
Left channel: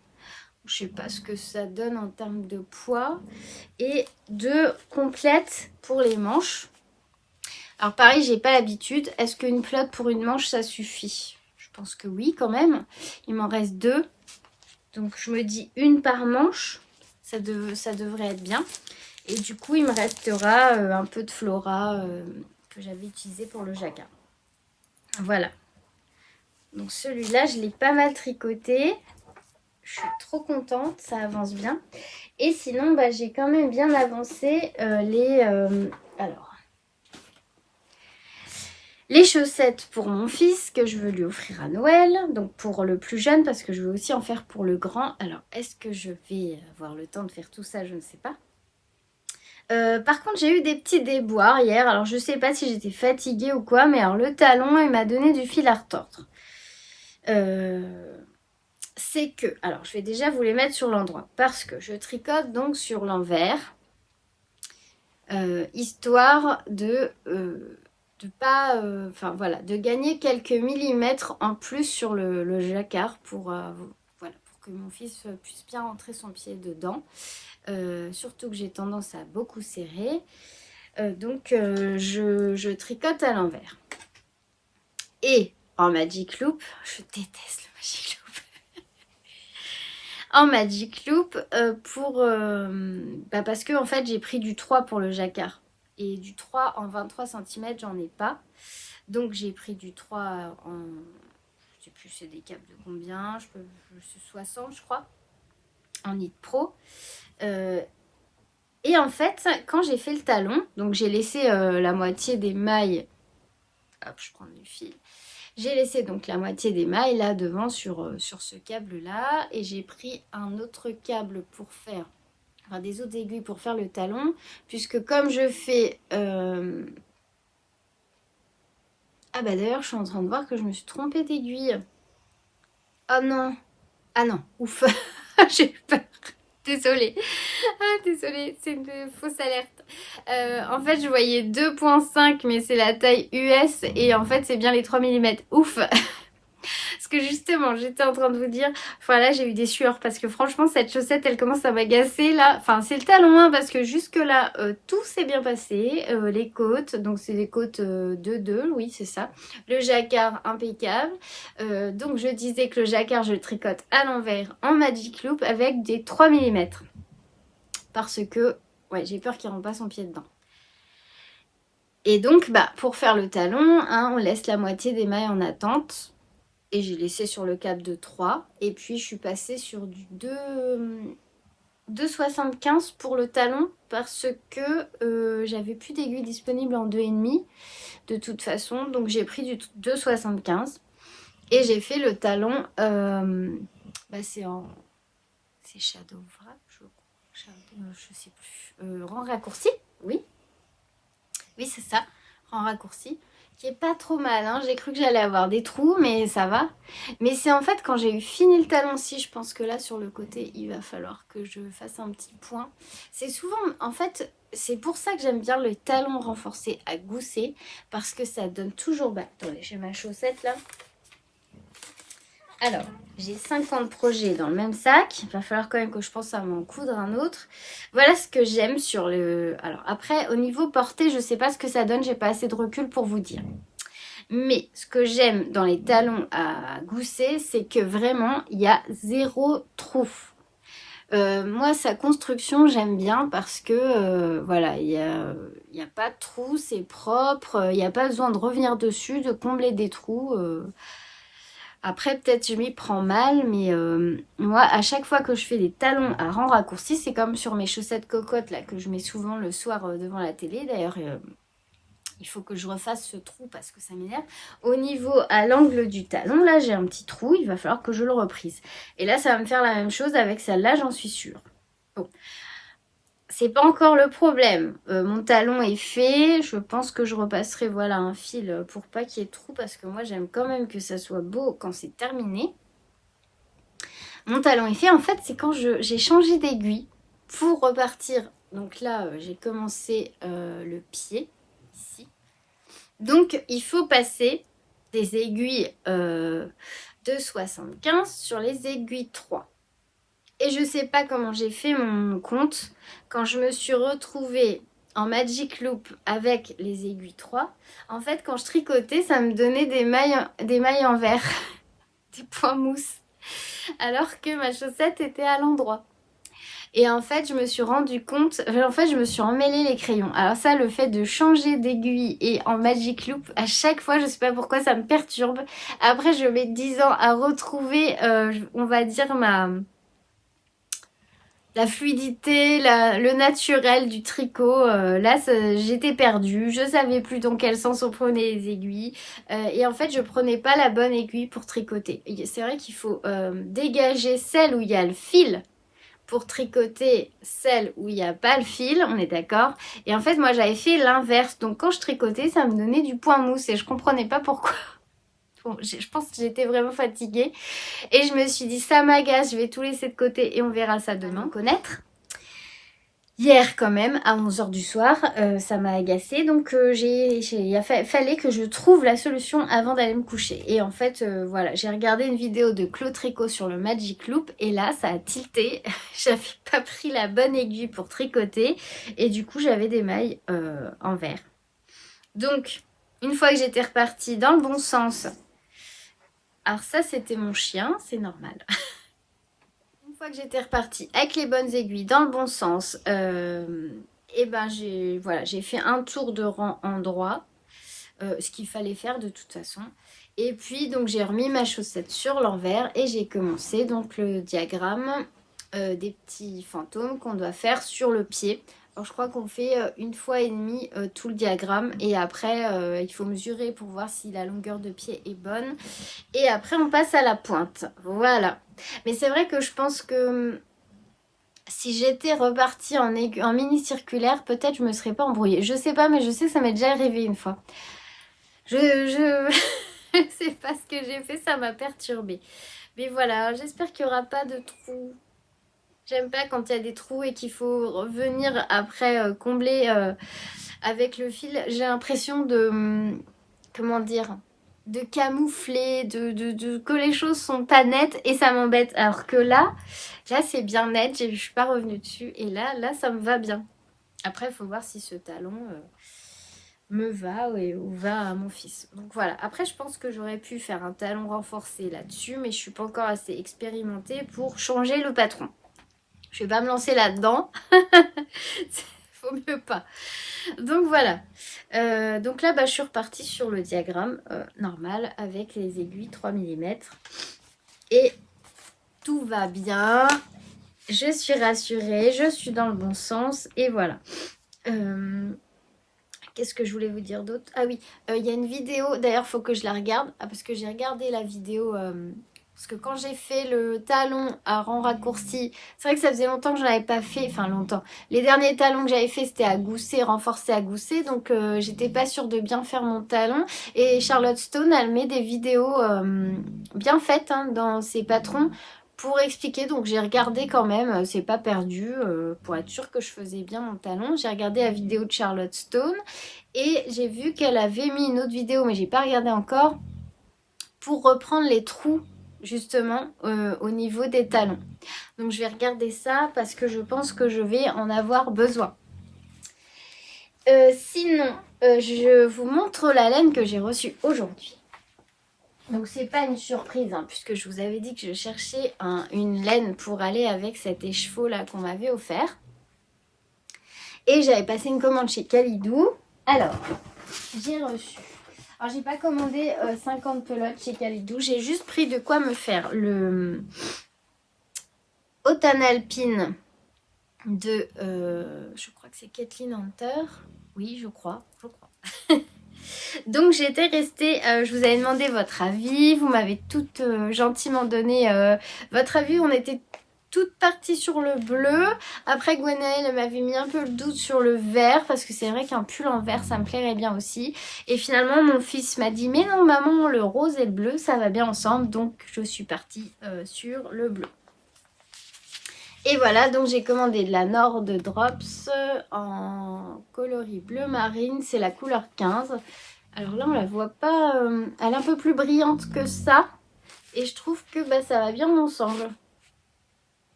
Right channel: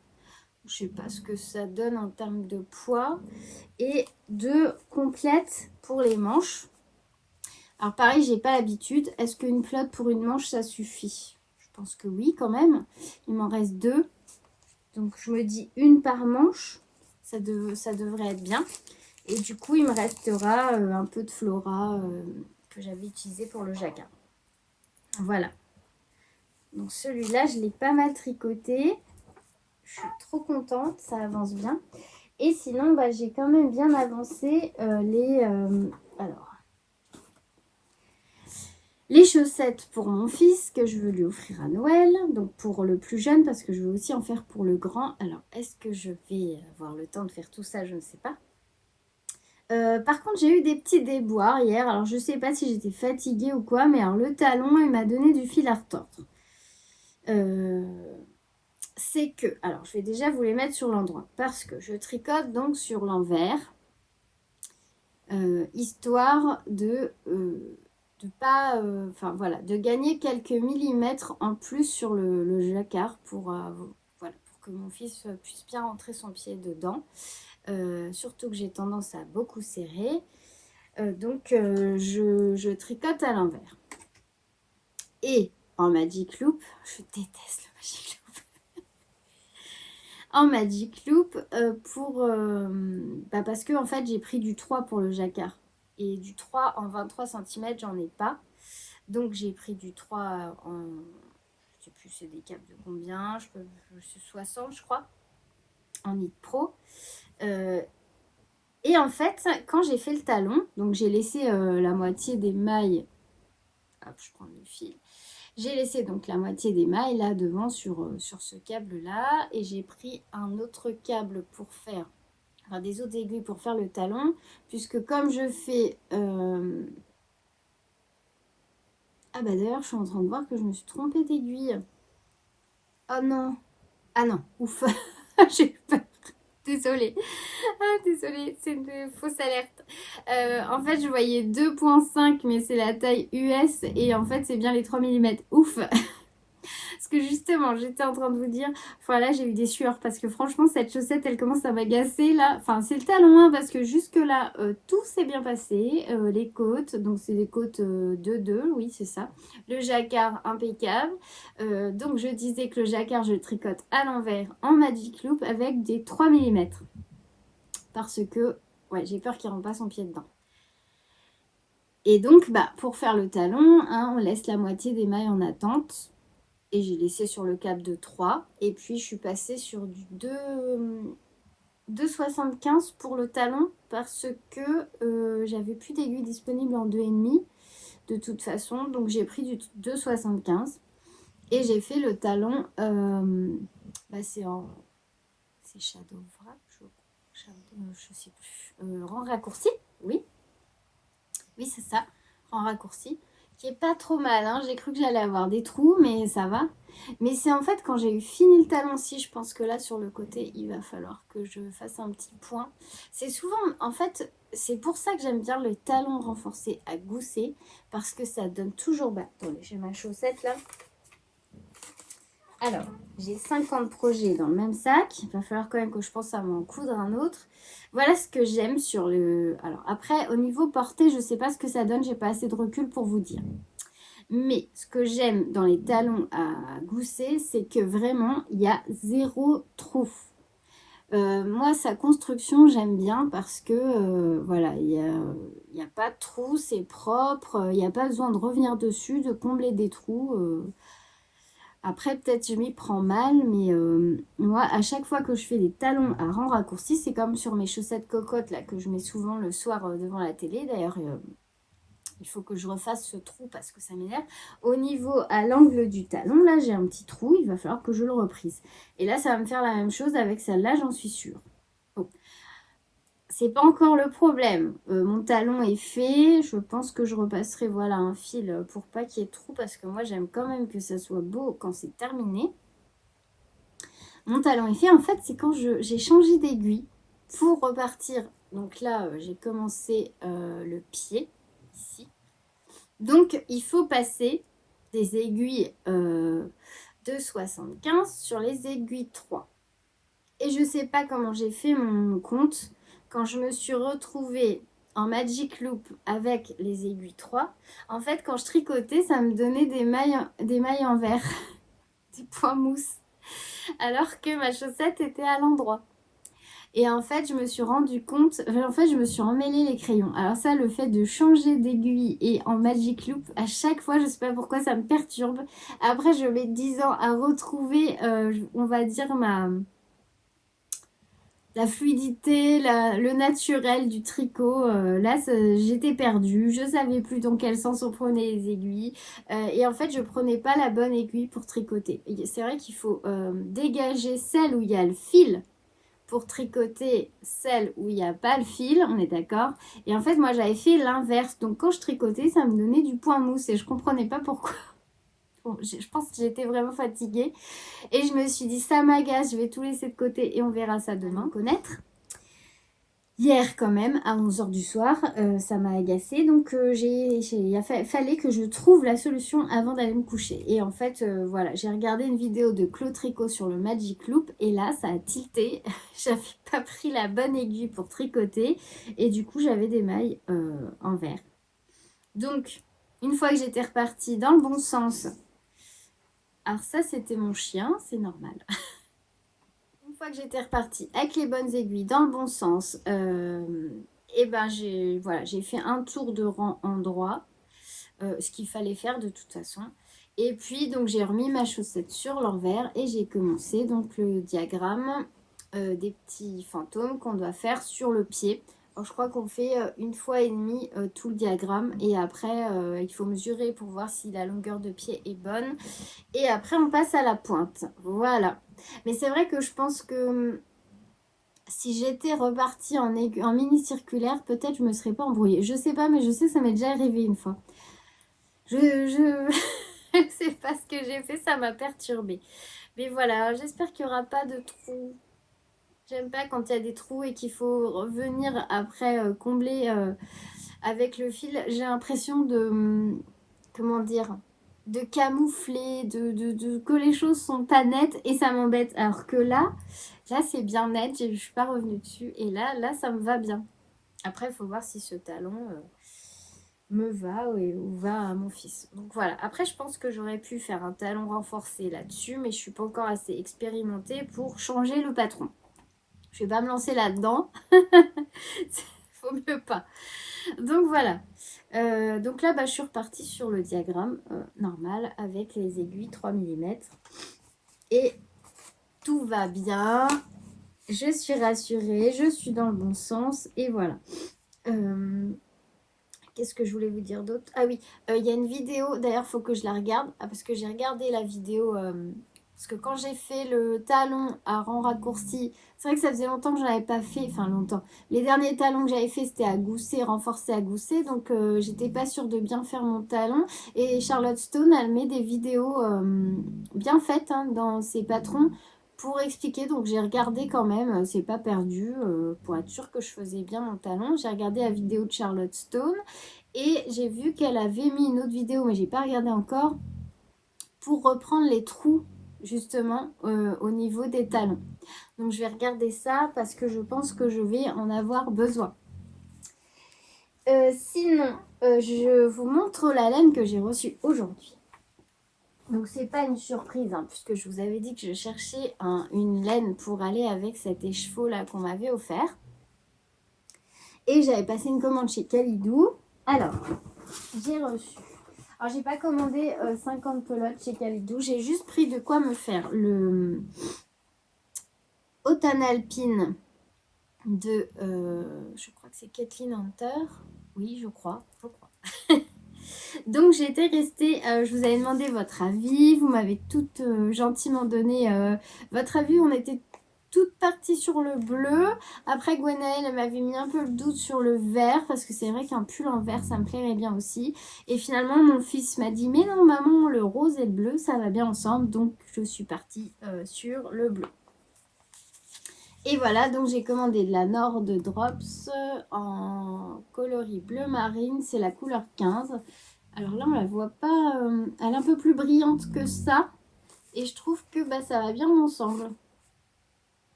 Je sais pas ce que ça donne en termes de poids. Et 2 complètes pour les manches. Alors pareil, j'ai pas l'habitude. Est-ce qu'une pelote pour une manche, ça suffit? Je pense que oui quand même. Il m'en reste 2. Donc je me dis une par manche. Ça devrait être bien. Et du coup, il me restera un peu de Flora que j'avais utilisé pour le jacquard. Voilà. Donc celui-là, je l'ai pas mal tricoté. Je suis trop contente, ça avance bien. Et sinon, j'ai quand même bien avancé les chaussettes pour mon fils que je veux lui offrir à Noël. Donc pour le plus jeune, parce que je veux aussi en faire pour le grand. Alors, est-ce que je vais avoir le temps de faire tout ça? Je ne sais pas. Par contre, j'ai eu des petits déboires hier. Alors, je ne sais pas si j'étais fatiguée ou quoi, mais alors le talon, il m'a donné du fil à retordre. C'est que, alors je vais déjà vous les mettre sur l'endroit parce que je tricote donc sur l'envers, histoire de pas, voilà, de gagner quelques millimètres en plus sur le jacquard pour que mon fils puisse bien rentrer son pied dedans. Surtout que j'ai tendance à beaucoup serrer, donc je tricote à l'envers. Et en Magic Loop, je déteste le Magic Loop. En Magic Loop parce que en fait j'ai pris du 3 pour le jacquard et du 3 en 23 cm j'en ai pas, donc j'ai pris du 3 en, je sais plus c'est des capes de combien, je suis 60 je crois en knit pro, et en fait quand j'ai fait le talon, donc j'ai laissé la moitié des mailles, hop je prends le fil. J'ai laissé donc la moitié des mailles là devant sur ce câble là, et j'ai pris un autre câble pour faire, des autres aiguilles pour faire le talon, puisque comme je fais... Ah d'ailleurs je suis en train de voir que je me suis trompée d'aiguille. Oh non. Ah non, ouf. J'ai eu peur. Désolée. Désolée, c'est une fausse alerte. En fait, je voyais 2,5, mais c'est la taille US. Et en fait, c'est bien les 3 mm. Ouf. Parce que justement, j'étais en train de vous dire, là j'ai eu des sueurs parce que franchement cette chaussette elle commence à m'agacer là. Enfin c'est le talon hein, parce que jusque là tout s'est bien passé. Les côtes, donc c'est des côtes 2-2, oui c'est ça. Le jacquard impeccable. Donc je disais que le jacquard je le tricote à l'envers en Magic Loop avec des 3 mm. Parce que ouais, j'ai peur qu'il rentre pas son pied dedans. Et donc pour faire le talon, hein, on laisse la moitié des mailles en attente. Et j'ai laissé sur le câble de 3. Et puis, je suis passée sur du 2,75 pour le talon parce que j'avais plus d'aiguilles disponibles en 2,5 de toute façon. Donc, j'ai pris du 2,75. Et j'ai fait le talon. C'est Shadow Wrap, je sais plus. Rang raccourci, oui. Oui, c'est ça. Rang raccourci. Qui est pas trop mal, hein. J'ai cru que j'allais avoir des trous, mais ça va. Mais c'est en fait quand j'ai eu fini le talon-ci, je pense que là sur le côté, il va falloir que je fasse un petit point. C'est souvent, en fait, c'est pour ça que j'aime bien le talon renforcé à gousset, parce que ça donne toujours... attendez, j'ai ma chaussette là. Alors, j'ai 50 projets dans le même sac. Il va falloir quand même que je pense à m'en coudre un autre. Voilà ce que j'aime sur le... Alors après, au niveau portée, je ne sais pas ce que ça donne. J'ai pas assez de recul pour vous dire. Mais ce que j'aime dans les talons à gousset, c'est que vraiment, il y a zéro trou. Moi, sa construction, j'aime bien parce que voilà, il y a pas de trous, c'est propre, il n'y a pas besoin de revenir dessus, de combler des trous. Après, peut-être je m'y prends mal, mais moi, à chaque fois que je fais des talons à rang raccourci, c'est comme sur mes chaussettes cocottes là que je mets souvent le soir devant la télé. D'ailleurs, il faut que je refasse ce trou parce que ça m'énerve. Au niveau, à l'angle du talon, là, j'ai un petit trou. Il va falloir que je le reprise. Et là, ça va me faire la même chose avec celle-là, j'en suis sûre. Bon. C'est pas encore le problème. Mon talon est fait. Je pense que je repasserai voilà, un fil pour pas qu'il y ait de trou parce que moi, j'aime quand même que ça soit beau quand c'est terminé. Mon talon est fait. En fait, c'est quand j'ai changé d'aiguille pour repartir. Donc là, j'ai commencé le pied ici. Donc, il faut passer des aiguilles de 75 sur les aiguilles 3. Et je ne sais pas comment j'ai fait mon compte. Quand je me suis retrouvée en Magic Loop avec les aiguilles 3, en fait, quand je tricotais, ça me donnait des mailles en verre, des points mousse, alors que ma chaussette était à l'endroit. Et en fait, je me suis rendu compte, en fait, je me suis emmêlé les crayons. Alors ça, le fait de changer d'aiguille et en Magic Loop, à chaque fois, je sais pas pourquoi, ça me perturbe. Après, je mets 10 ans à retrouver, on va dire, la fluidité, le naturel du tricot. Là, j'étais perdue. Je savais plus dans quel sens on prenait les aiguilles. Et en fait, je prenais pas la bonne aiguille pour tricoter. C'est vrai qu'il faut dégager celle où il y a le fil pour tricoter celle où il n'y a pas le fil, on est d'accord. Et en fait, moi, j'avais fait l'inverse. Donc, quand je tricotais, ça me donnait du point mousse et je comprenais pas pourquoi. Bon, je pense que j'étais vraiment fatiguée. Et je me suis dit, ça m'agace, je vais tout laisser de côté et on verra ça demain. Connaître. Hier quand même, à 11h du soir, ça m'a agacée. Donc, fallait que je trouve la solution avant d'aller me coucher. Et en fait, voilà, j'ai regardé une vidéo de Claude Tricot sur le Magic Loop. Et là, ça a tilté. J'avais pas pris la bonne aiguille pour tricoter. Et du coup, j'avais des mailles en vert. Donc, une fois que j'étais repartie dans le bon sens... Alors ça, c'était mon chien, c'est normal. Une fois que j'étais repartie avec les bonnes aiguilles dans le bon sens, et ben j'ai fait un tour de rang en droit, ce qu'il fallait faire de toute façon. Et puis donc j'ai remis ma chaussette sur l'envers et j'ai commencé donc le diagramme des petits fantômes qu'on doit faire sur le pied. Alors, je crois qu'on fait une fois et demie tout le diagramme et après il faut mesurer pour voir si la longueur de pied est bonne. Et après on passe à la pointe. Voilà. Mais c'est vrai que je pense que si j'étais repartie en mini circulaire, peut-être je me serais pas embrouillée. Je sais pas, mais je sais que ça m'est déjà arrivé une fois. Je sais pas ce que j'ai fait, ça m'a perturbée. Mais voilà, j'espère qu'il n'y aura pas de trous. J'aime pas quand il y a des trous et qu'il faut revenir après combler avec le fil. J'ai l'impression de... comment dire, de camoufler, que les choses sont pas nettes et ça m'embête. Alors que là c'est bien net, je suis pas revenue dessus et là ça me va bien. Après il faut voir si ce talon me va ou va à mon fils. Donc voilà, après je pense que j'aurais pu faire un talon renforcé là-dessus, mais je suis pas encore assez expérimentée pour changer le patron. Je vais pas me lancer là-dedans. Faut mieux pas. Donc voilà. Donc là, je suis repartie sur le diagramme normal avec les aiguilles 3 mm. Et tout va bien. Je suis rassurée. Je suis dans le bon sens. Et voilà. Qu'est-ce que je voulais vous dire d'autre? Ah oui, il y a une vidéo. D'ailleurs, il faut que je la regarde. Parce que j'ai regardé la vidéo... parce que quand j'ai fait le talon à rang raccourci, c'est vrai que ça faisait longtemps que je n'en avais pas fait. Enfin, longtemps. Les derniers talons que j'avais fait, c'était à gousset, renforcé à gousset. Donc, j'étais pas sûre de bien faire mon talon. Et Charlotte Stone, elle met des vidéos bien faites dans ses patrons pour expliquer. Donc, j'ai regardé quand même. C'est pas perdu. Pour être sûre que je faisais bien mon talon. J'ai regardé la vidéo de Charlotte Stone. Et j'ai vu qu'elle avait mis une autre vidéo, mais j'ai pas regardé encore, pour reprendre les trous justement au niveau des talons. Donc je vais regarder ça parce que je pense que je vais en avoir besoin. Sinon, je vous montre la laine que j'ai reçue aujourd'hui. Donc c'est pas une surprise, hein, puisque je vous avais dit que je cherchais une laine pour aller avec cet écheveau là qu'on m'avait offert. Et j'avais passé une commande chez Kalidou. Alors, j'ai reçu. Alors j'ai pas commandé 50 pelotes chez Kalidou. J'ai juste pris de quoi me faire le Automne Alpine de, je crois que c'est Kathleen Hunter. Oui, je crois. Donc j'étais restée, je vous avais demandé votre avis, vous m'avez toutes gentiment donné votre avis, on était toutes parties sur le bleu. Après Gwenaëlle m'avait mis un peu le doute sur le vert, parce que c'est vrai qu'un pull en vert ça me plairait bien aussi. Et finalement mon fils m'a dit mais non maman, le rose et le bleu ça va bien ensemble, donc je suis partie sur le bleu. Et voilà, donc j'ai commandé de la Nord Drops en coloris bleu marine, c'est la couleur 15. Alors là, on la voit pas, elle est un peu plus brillante que ça. Et je trouve que ça va bien ensemble.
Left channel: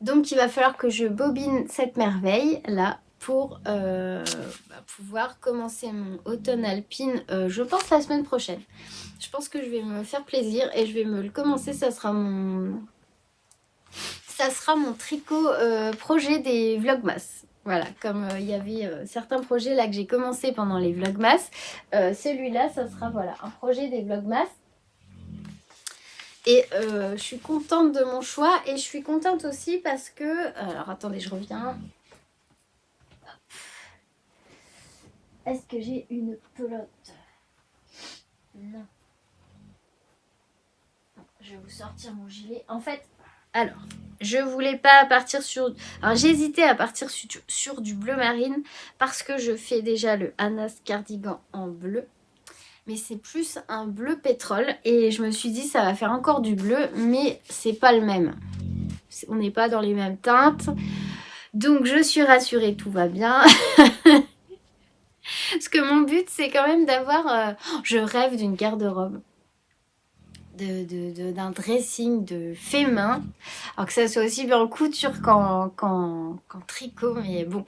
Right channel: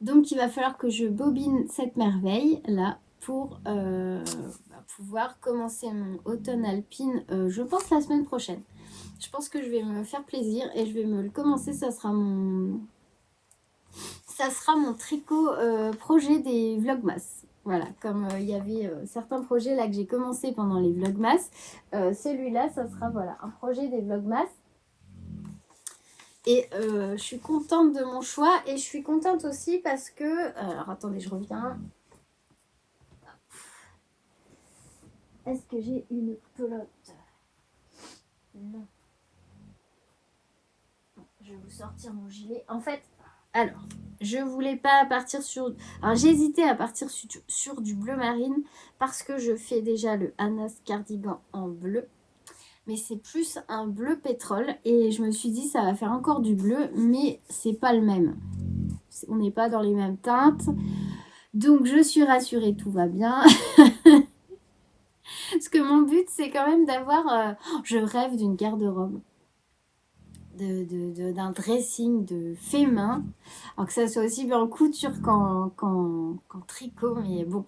Donc, il va falloir que je bobine cette merveille là pour pouvoir commencer mon automne alpine, je pense la semaine prochaine. Je pense que je vais me faire plaisir et je vais me le commencer. Ça sera mon tricot projet des Vlogmas. Voilà, comme il y avait certains projets là que j'ai commencé pendant les Vlogmas, celui-là, ça sera voilà, un projet des Vlogmas. Et je suis contente de mon choix et je suis contente aussi parce que... Alors attendez, je reviens. Est-ce que j'ai une pelote? Non. Je vais vous sortir mon gilet. En fait, alors, je voulais pas partir sur... Alors, j'hésitais à partir sur du bleu marine parce que je fais déjà le Anas cardigan en bleu. Mais c'est plus un bleu pétrole. Et je me suis dit, ça va faire encore du bleu, mais c'est pas le même. On n'est pas dans les mêmes teintes. Donc, je suis rassurée, tout va bien. Parce que mon but, c'est quand même d'avoir... je rêve d'une garde-robe. D'un dressing de fait main, alors que ça soit aussi bien en couture qu'en tricot, mais bon,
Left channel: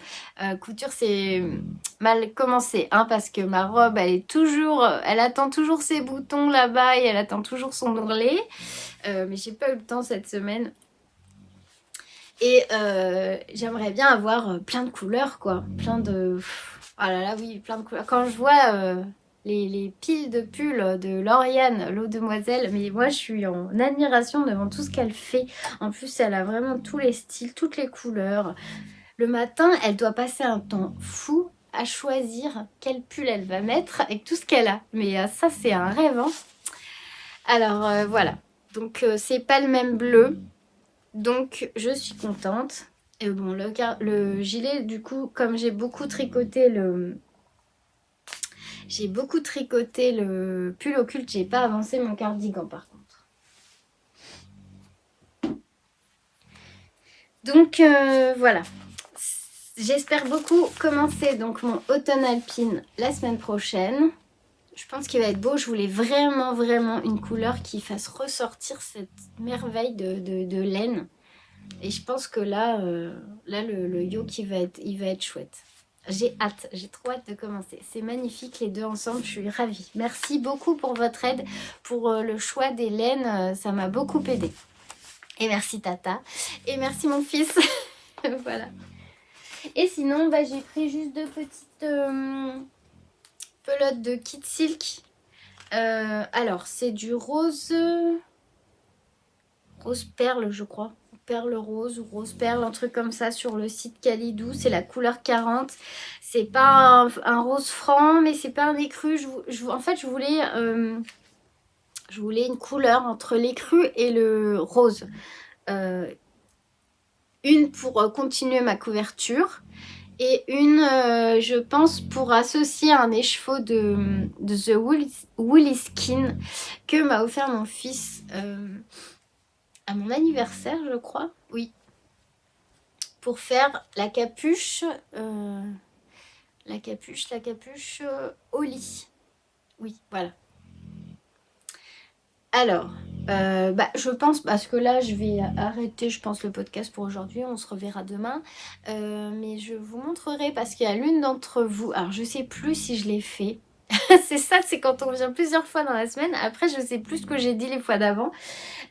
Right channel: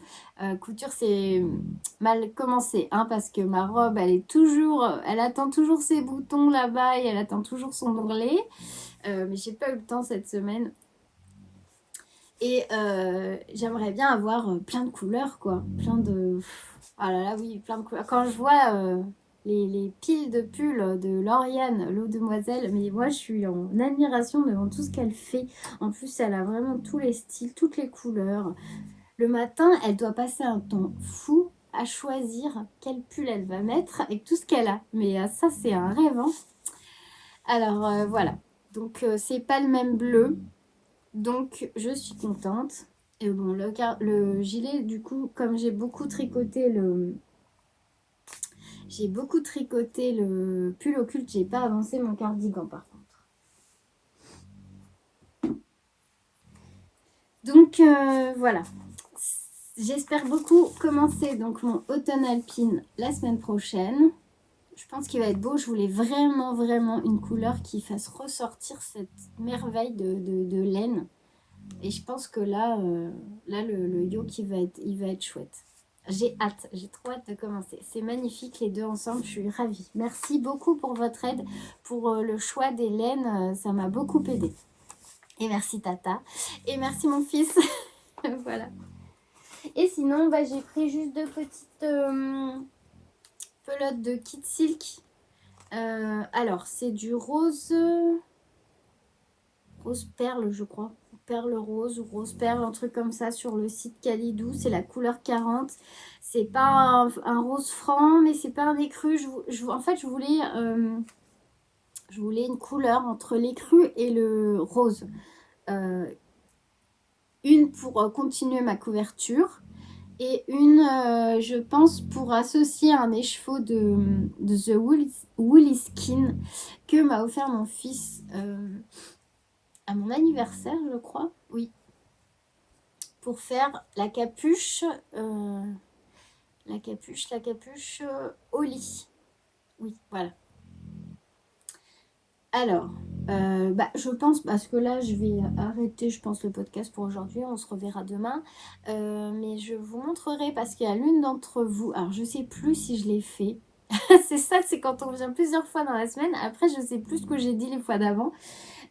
couture c'est mal commencé, hein, parce que ma robe elle attend toujours ses boutons là-bas et elle attend toujours son ourlet, mais j'ai pas eu le temps cette semaine. Et j'aimerais bien avoir plein de couleurs, quoi, plein de... Oh là là, oui, plein de couleurs. Quand je vois... les piles de pulls de Lauriane, l'eau demoiselle, mais moi je suis en admiration devant tout ce qu'elle fait. En plus, elle a vraiment tous les styles, toutes les couleurs. Le matin, elle doit passer un temps fou à choisir quel pull elle va mettre avec tout ce qu'elle a. Mais ça, c'est un rêve, hein. Alors voilà, donc c'est pas le même bleu, donc je suis contente. Et bon, le gilet, du coup, comme j'ai beaucoup tricoté le pull occulte, j'ai pas avancé mon cardigan par contre. Donc voilà. J'espère beaucoup commencer donc mon automne alpine la semaine prochaine. Je pense qu'il va être beau. Je voulais vraiment une couleur qui fasse ressortir cette merveille de laine. Et je pense que là le yoke il va être chouette. J'ai hâte, j'ai trop hâte de commencer. C'est magnifique les deux ensemble, je suis ravie. Merci beaucoup pour votre aide, pour le choix des laines, ça m'a beaucoup aidé. Et merci Tata, et merci mon fils. Voilà. Et sinon, j'ai pris juste deux petites pelotes de Kid Silk. Alors, c'est du rose perle, je crois. Perle rose ou rose perle, un truc comme ça sur le site Kalidou. C'est la couleur 40. C'est pas un rose franc, mais c'est pas un écru. En fait, je voulais une couleur entre l'écru et le rose. Une pour continuer ma couverture et une, je pense, pour associer un écheveau de The Woolly Skin que m'a offert mon fils à mon anniversaire, je crois. Oui. Pour faire la capuche au lit. Oui, voilà. Alors, je pense, parce que là, je vais arrêter, je pense, le podcast pour aujourd'hui. On se reverra demain. Mais je vous montrerai, parce qu'il y a l'une d'entre vous... Alors, je sais plus si je l'ai fait. C'est ça, c'est quand on vient plusieurs fois dans la semaine. Après, je sais plus ce que j'ai dit les fois d'avant.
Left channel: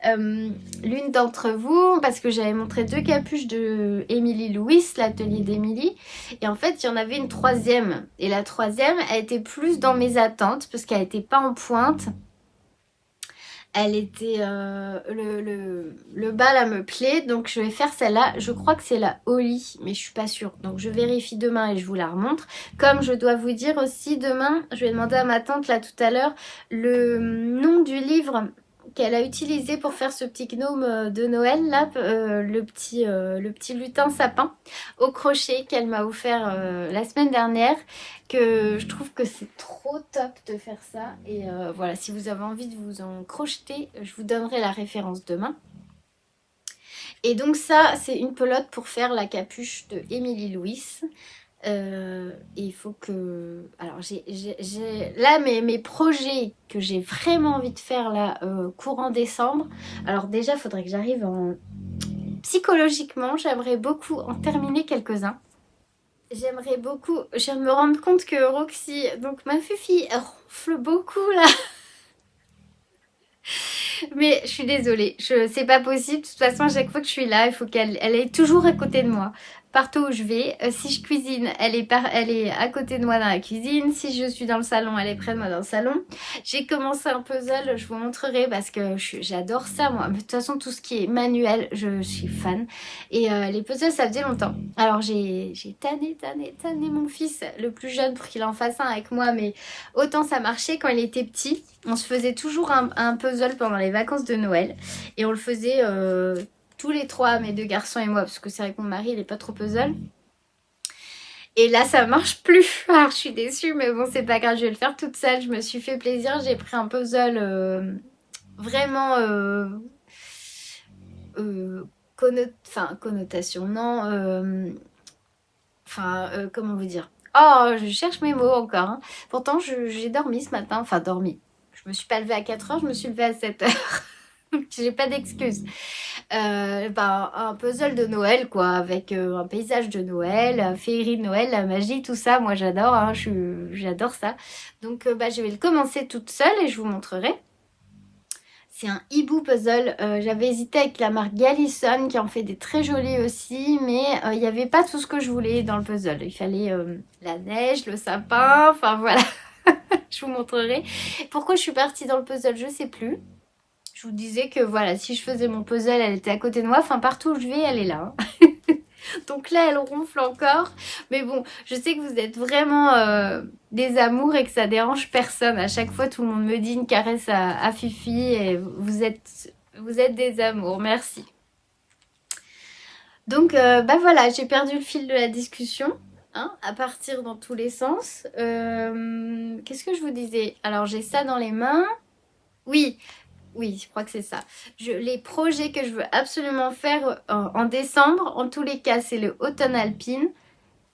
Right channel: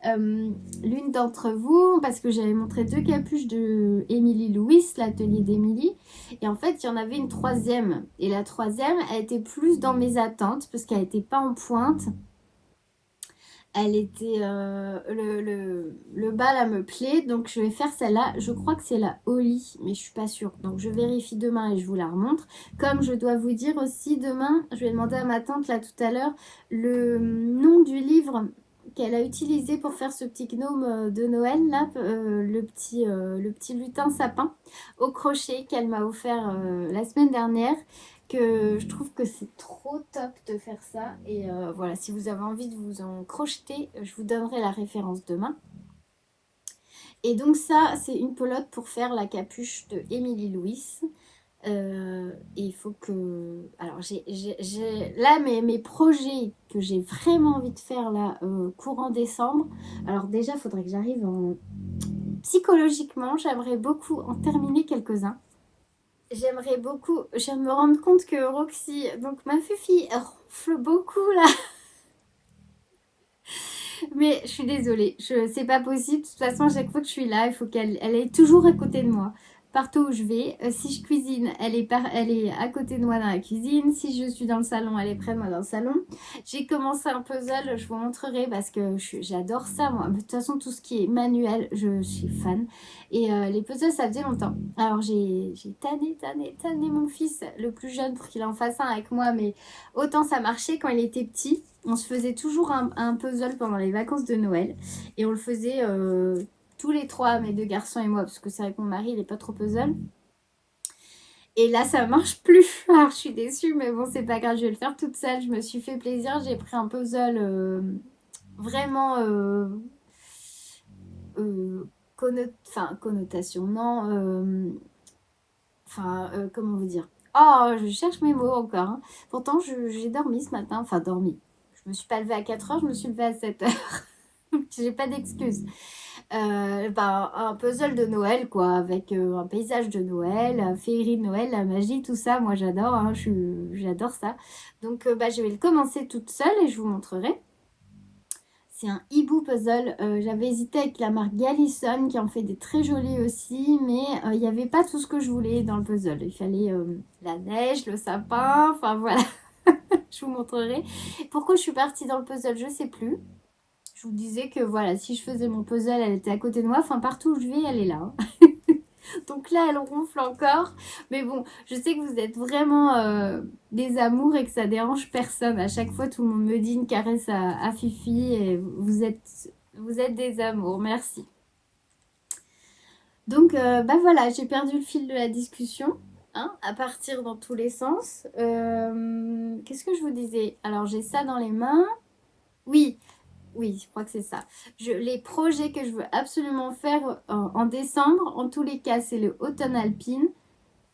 L'une d'entre vous, parce que j'avais montré 2 capuches de Émilie Louis, l'atelier d'Émilie, et en fait il y en avait une troisième, et la troisième elle était plus dans mes attentes parce qu'elle n'était pas en pointe. Elle était le bas là me plaît, donc je vais faire celle-là. Je crois que c'est la Holly, mais je suis pas sûre, donc je vérifie demain et je vous la remontre. Comme je dois vous dire aussi, demain je vais demander à ma tante là tout à l'heure le nom du livre qu'elle a utilisé pour faire ce petit gnome de Noël là, le petit lutin sapin au crochet qu'elle m'a offert la semaine dernière, que je trouve que c'est trop top de faire ça. Et voilà, si vous avez envie de vous en crocheter, je vous donnerai la référence demain. Et donc ça, c'est une pelote pour faire la capuche de Émilie Louis. Et il faut que... Alors, là, mes projets que j'ai vraiment envie de faire là, courant décembre. Alors déjà, il faudrait que j'arrive en... Psychologiquement, j'aimerais beaucoup en terminer quelques-uns. J'aimerais beaucoup... Je viens de me rendre compte que Roxy, donc ma fille, ronfle beaucoup là. Mais je suis désolée, c'est pas possible. De toute façon, à chaque fois que je suis là, il faut qu'elle est toujours à côté de moi. Partout où je vais, si je cuisine, elle est à côté de moi dans la cuisine. Si je suis dans le salon, elle est près de moi dans le salon. J'ai commencé un puzzle, je vous montrerai parce que j'adore ça moi. Mais de toute façon, tout ce qui est manuel, je suis fan. Et les puzzles, ça faisait longtemps. Alors j'ai tanné mon fils, le plus jeune, pour qu'il en fasse un avec moi. Mais autant ça marchait quand il était petit. On se faisait toujours un puzzle pendant les vacances de Noël. Et on le faisait tous les trois, mes 2 garçons et moi, parce que c'est vrai que mon mari, il est pas trop puzzle. Et là, ça marche plus. Alors, je suis déçue, mais bon, c'est pas grave, je vais le faire toute seule. Je me suis fait plaisir. J'ai pris un puzzle vraiment... connotation, non. Comment vous dire? Oh, je cherche mes mots encore, hein. Pourtant, j'ai dormi ce matin. Enfin, dormi. Je me suis pas levée à 4 heures, je me suis levée à 7 heures. J'ai pas d'excuses. Un puzzle de Noël, quoi, avec un paysage de Noël, la féerie de Noël, la magie, tout ça. Moi, j'adore, hein, j'adore ça. Donc, je vais le commencer toute seule et je vous montrerai. C'est un hibou puzzle. J'avais hésité avec la marque Galison qui en fait des très jolis aussi, mais il n'y avait pas tout ce que je voulais dans le puzzle. Il fallait la neige, le sapin, enfin voilà. Je vous montrerai. Pourquoi je suis partie dans le puzzle, je sais plus. Je vous disais que voilà, si je faisais mon puzzle, elle était à côté de moi. Enfin, partout où je vais, elle est là, hein. Donc là, elle ronfle encore. Mais bon, je sais que vous êtes vraiment des amours et que ça dérange personne. À chaque fois, tout le monde me dit une caresse à Fifi et vous êtes des amours. Merci. Donc, voilà, j'ai perdu le fil de la discussion, hein, à partir dans tous les sens. Qu'est-ce que je vous disais? Alors, j'ai ça dans les mains. Oui, oui, je crois que c'est ça. Les projets que je veux absolument faire en décembre, en tous les cas, c'est le automne alpine,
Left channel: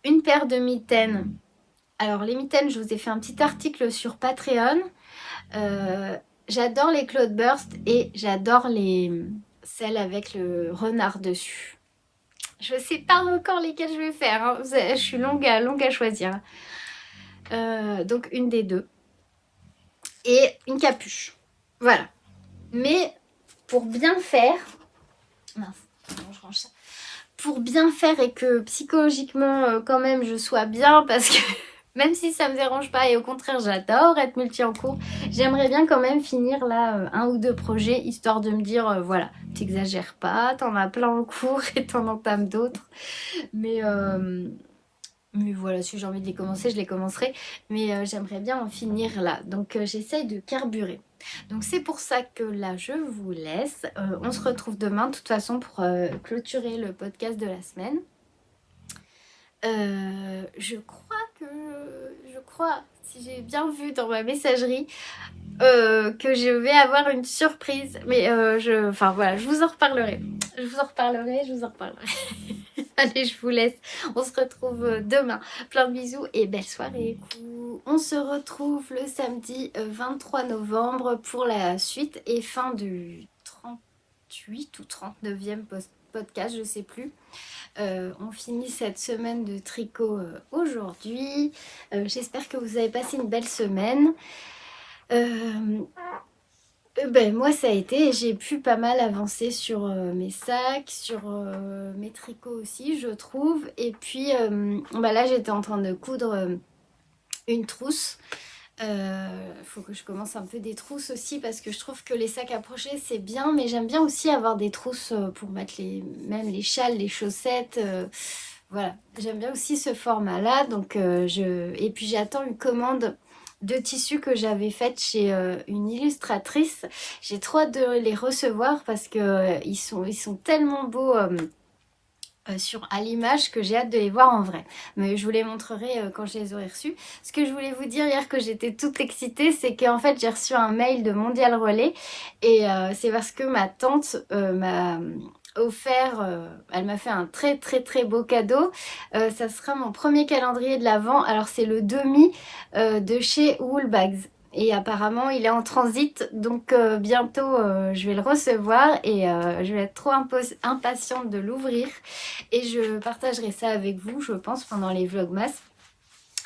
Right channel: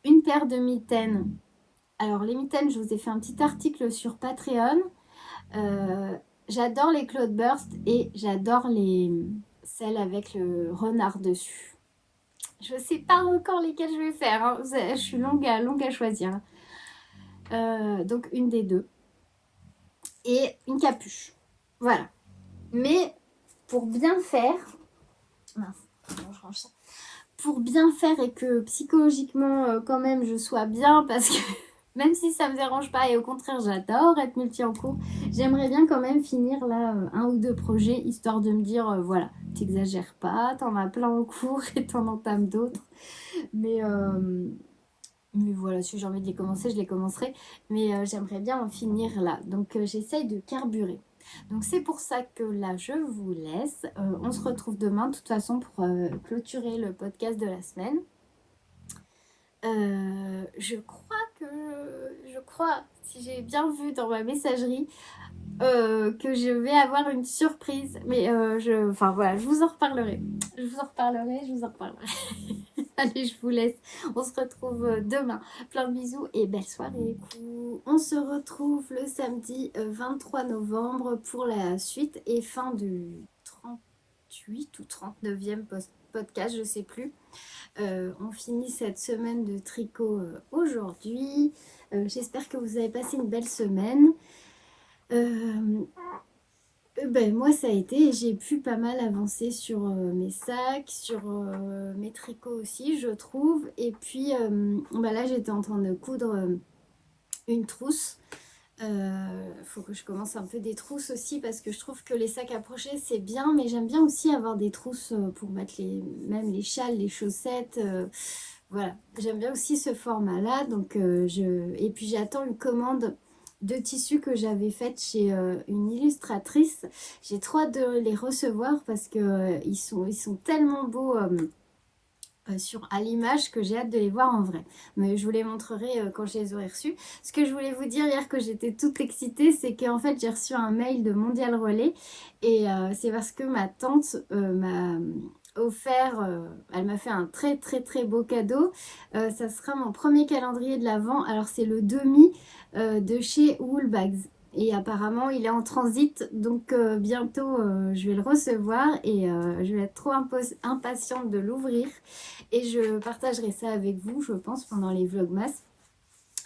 une paire de mitaines. Alors, les mitaines, je vous ai fait un petit article sur Patreon. J'adore les Cloudburst et j'adore celles avec le renard dessus. Je ne sais pas encore lesquelles je vais faire, hein. Je suis longue à choisir. Donc, une des deux. Et une capuche. Voilà. Mais pour bien faire, mince, je range ça. Pour bien faire et que psychologiquement quand même je sois bien, parce que même si ça me dérange pas et au contraire j'adore être multi en cours, j'aimerais bien quand même finir là un ou deux projets histoire de me dire voilà, t'exagères pas, t'en as plein en cours et t'en entames d'autres. Mais voilà, si j'ai envie de les commencer, je les commencerai. Mais j'aimerais bien en finir là. Donc j'essaye de carburer. Donc c'est pour ça que là, je vous laisse. On se retrouve demain, de toute façon, pour clôturer le podcast de la semaine. Je crois, si j'ai bien vu dans ma messagerie, que je vais avoir une surprise. Mais enfin voilà, je vous en reparlerai. Je vous en reparlerai. Allez, je vous laisse. On se retrouve demain. Plein de bisous et belle soirée. On se retrouve le samedi 23 novembre pour la suite et fin du 38 ou 39e podcast, je sais plus. On finit cette semaine de tricot aujourd'hui. J'espère que vous avez passé une belle semaine. Moi ça a été, j'ai pu pas mal avancer sur mes sacs, sur mes tricots aussi je trouve. Et puis là j'étais en train de coudre une trousse. Faut que je commence un peu des trousses aussi parce que je trouve que les sacs à crochet c'est bien, mais j'aime bien aussi avoir des trousses pour mettre même les châles, les chaussettes. Voilà, j'aime bien aussi ce format là. Donc et puis j'attends une commande de tissus que j'avais faite chez une illustratrice. J'ai trop hâte de les recevoir parce que ils sont tellement beaux à l'image que j'ai hâte de les voir en vrai. Mais je vous les montrerai quand je les aurai reçus. Ce que je voulais vous dire hier que j'étais toute excitée, c'est qu'en fait j'ai reçu un mail de Mondial Relais et c'est parce que ma tante m'a offert, elle m'a fait un très très très beau cadeau. Ça sera mon premier calendrier de l'Avent. Alors c'est le demi de chez Woolbags. Et apparemment il est en transit, donc bientôt je vais le recevoir et je vais être trop impatiente de l'ouvrir. Et je partagerai ça avec vous, je pense, pendant les vlogmas.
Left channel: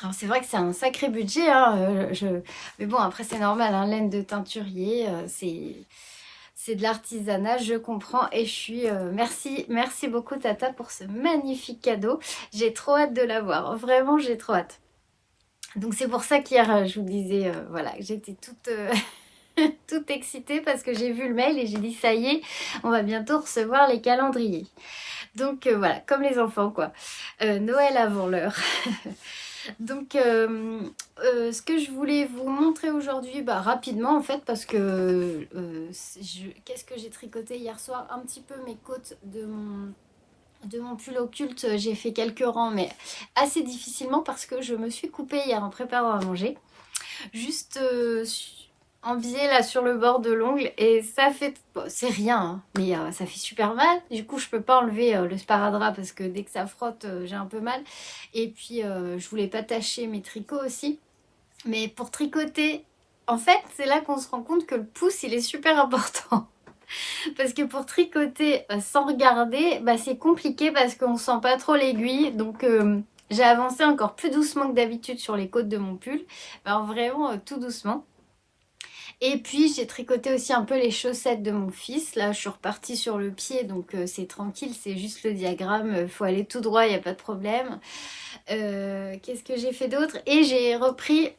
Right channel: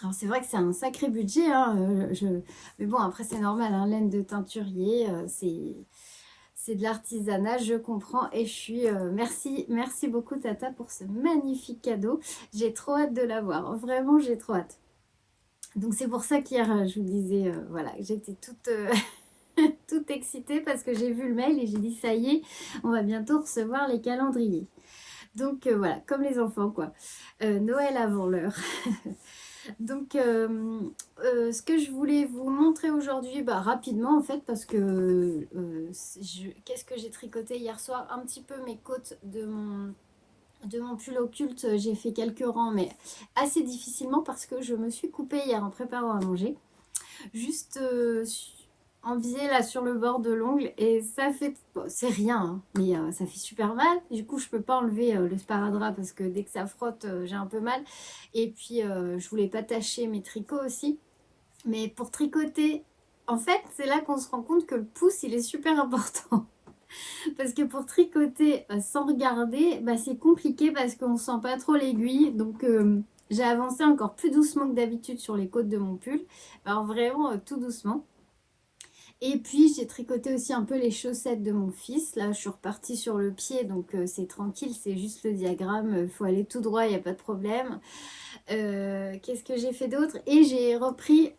Alors c'est vrai que c'est un sacré budget, hein, mais bon après c'est normal, hein, laine de teinturier, c'est de l'artisanat, je comprends et je suis... merci beaucoup Tata pour ce magnifique cadeau. J'ai trop hâte de l'avoir, vraiment j'ai trop hâte. Donc c'est pour ça qu'hier je vous disais, voilà, que j'étais toute... toute excitée parce que j'ai vu le mail et j'ai dit ça y est, on va bientôt recevoir les calendriers. Donc voilà, comme les enfants quoi. Noël avant l'heure. Donc ce que je voulais vous montrer aujourd'hui, rapidement en fait, parce que qu'est-ce que j'ai tricoté hier soir? Un petit peu mes côtes de mon pull occulte, j'ai fait quelques rangs, mais assez difficilement parce que je me suis coupée hier en préparant à manger. Juste en biais là sur le bord de l'ongle et ça fait, bon, c'est rien hein, mais ça fait super mal. Du coup je peux pas enlever le sparadrap parce que dès que ça frotte j'ai un peu mal et puis je voulais pas tacher mes tricots aussi, mais pour tricoter en fait c'est là qu'on se rend compte que le pouce il est super important parce que pour tricoter sans regarder c'est compliqué parce qu'on sent pas trop l'aiguille. Donc j'ai avancé encore plus doucement que d'habitude sur les côtes de mon pull, alors vraiment tout doucement. Et puis j'ai tricoté aussi un peu les chaussettes de mon fils. Là je suis repartie sur le pied, donc c'est tranquille, c'est juste le diagramme, il faut aller tout droit, il n'y a pas de problème. Qu'est-ce que j'ai fait d'autre? Et j'ai repris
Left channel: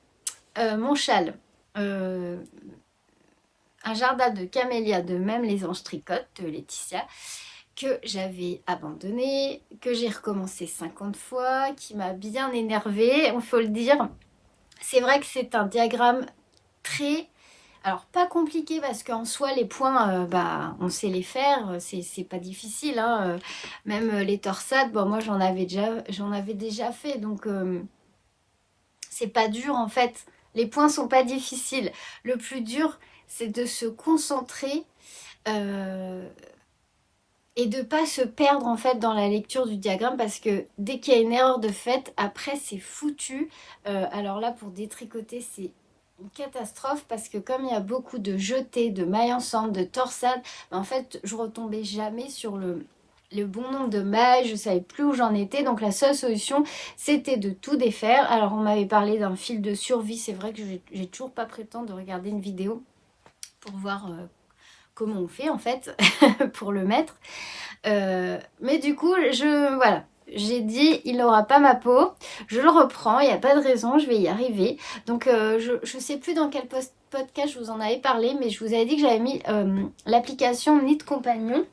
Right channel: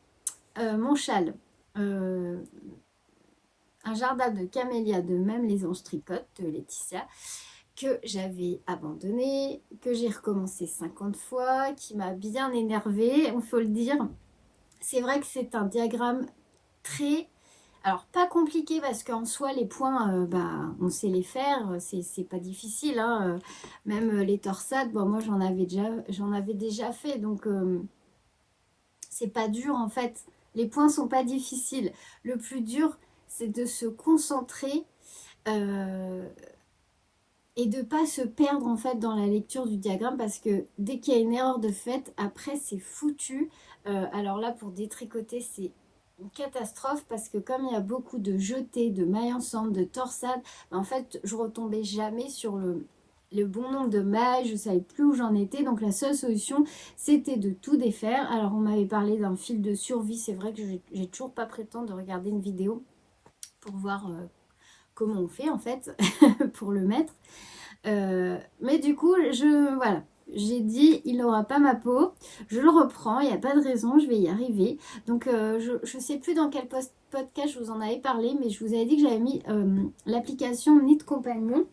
mon châle. Un jardin de camélia de Même les anges tricotent de Laetitia, que j'avais abandonné, que j'ai recommencé 50 fois, qui m'a bien énervée, il faut le dire. C'est vrai que c'est un diagramme très... Alors, pas compliqué parce qu'en soi, les points, on sait les faire, c'est pas difficile. Hein. Même les torsades, moi j'en avais déjà fait, donc c'est pas dur en fait. Les points sont pas difficiles. Le plus dur, c'est de se concentrer et de pas se perdre en fait dans la lecture du diagramme parce que dès qu'il y a une erreur de fait, après c'est foutu. Alors là, pour détricoter, c'est une catastrophe parce que comme il y a beaucoup de jetés, de mailles ensemble, de torsades, en fait je retombais jamais sur le bon nombre de mailles, je savais plus où j'en étais. Donc la seule solution c'était de tout défaire. Alors on m'avait parlé d'un fil de survie, c'est vrai que j'ai toujours pas pris le temps de regarder une vidéo pour voir comment on fait en fait pour le mettre. Mais du coup voilà, j'ai dit il n'aura pas ma peau, je le reprends, il n'y a pas de raison, je vais y arriver. Donc je sais plus dans quel podcast je vous en avais parlé, mais je vous avais dit que j'avais mis l'application Knit Compagnon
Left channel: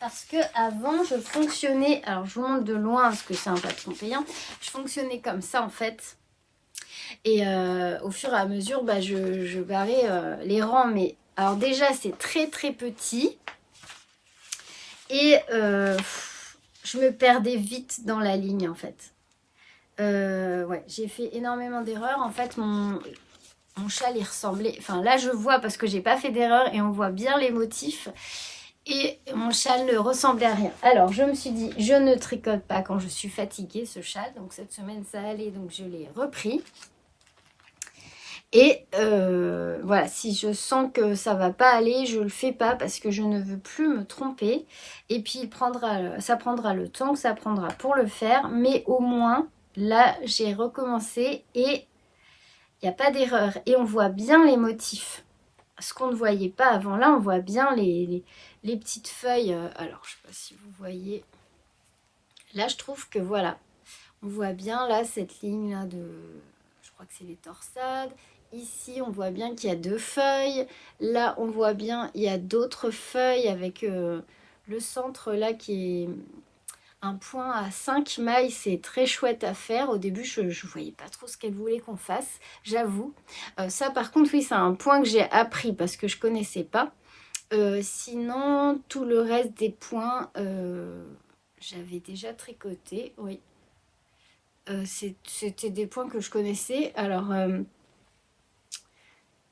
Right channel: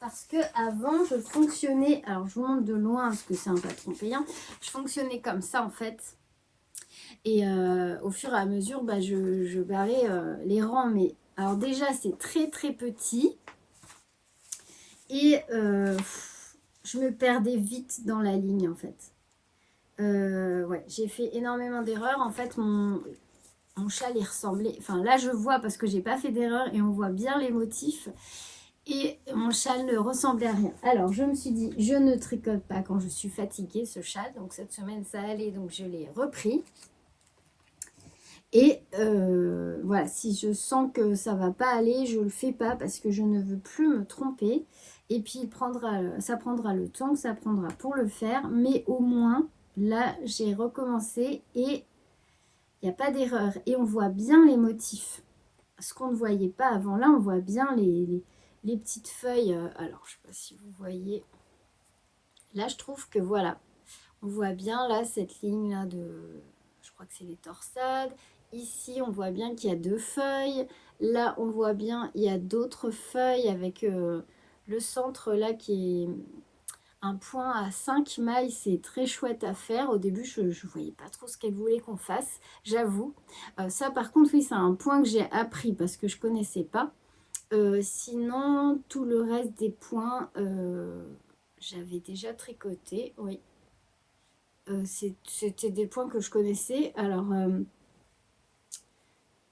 parce que avant je fonctionnais, alors je vous montre de loin parce que c'est un patron payant, je fonctionnais comme ça en fait. Et au fur et à mesure je barrais les rangs, mais alors déjà c'est très très petit et je me perdais vite dans la ligne en fait. Ouais, j'ai fait énormément d'erreurs. En fait, mon châle, il ressemblait... Enfin, là, je vois parce que j'ai pas fait d'erreur et on voit bien les motifs. Et mon châle ne ressemblait à rien. Alors, je me suis dit, je ne tricote pas quand je suis fatiguée, ce châle. Donc, cette semaine, ça allait, donc je l'ai repris. Et voilà, si je sens que ça va pas aller, je le fais pas parce que je ne veux plus me tromper. Et puis ça prendra le temps que ça prendra pour le faire, mais au moins là j'ai recommencé et il n'y a pas d'erreur. Et on voit bien les motifs. Ce qu'on ne voyait pas avant, là on voit bien les petites feuilles. Alors je sais pas si vous voyez. Là je trouve que voilà, on voit bien là cette ligne là de, je crois que c'est les torsades. Ici, on voit bien qu'il y a 2 feuilles. Là, on voit bien il y a d'autres feuilles avec le centre là qui est un point à 5 mailles. C'est très chouette à faire. Au début, je ne voyais pas trop ce qu'elle voulait qu'on fasse, j'avoue. Ça, par contre, oui, c'est un point que j'ai appris parce que je ne connaissais pas. Sinon, tout le reste des points, j'avais déjà tricoté, oui. C'était des points que je connaissais. Alors,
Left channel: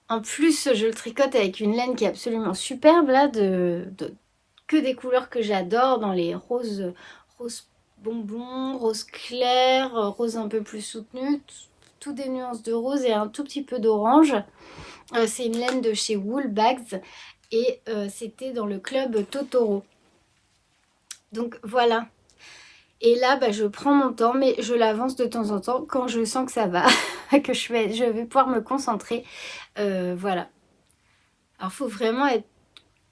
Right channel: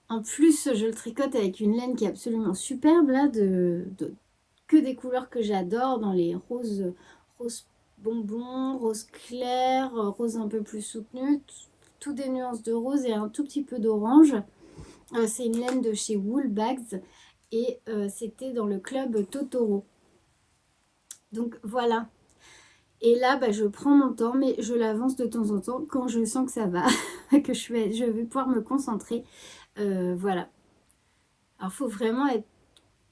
en plus, je le tricote avec une laine qui est absolument superbe, là, que des couleurs que j'adore, dans les roses bonbons, rose clair, rose un peu plus soutenu, tout des nuances de rose et un tout petit peu d'orange. C'est une laine de chez Woolbags et c'était dans le club Totoro. Donc voilà. Et là, bah, je prends mon temps, mais je l'avance de temps en temps quand je sens que ça va, que je vais pouvoir me concentrer. Voilà. Alors, il faut vraiment être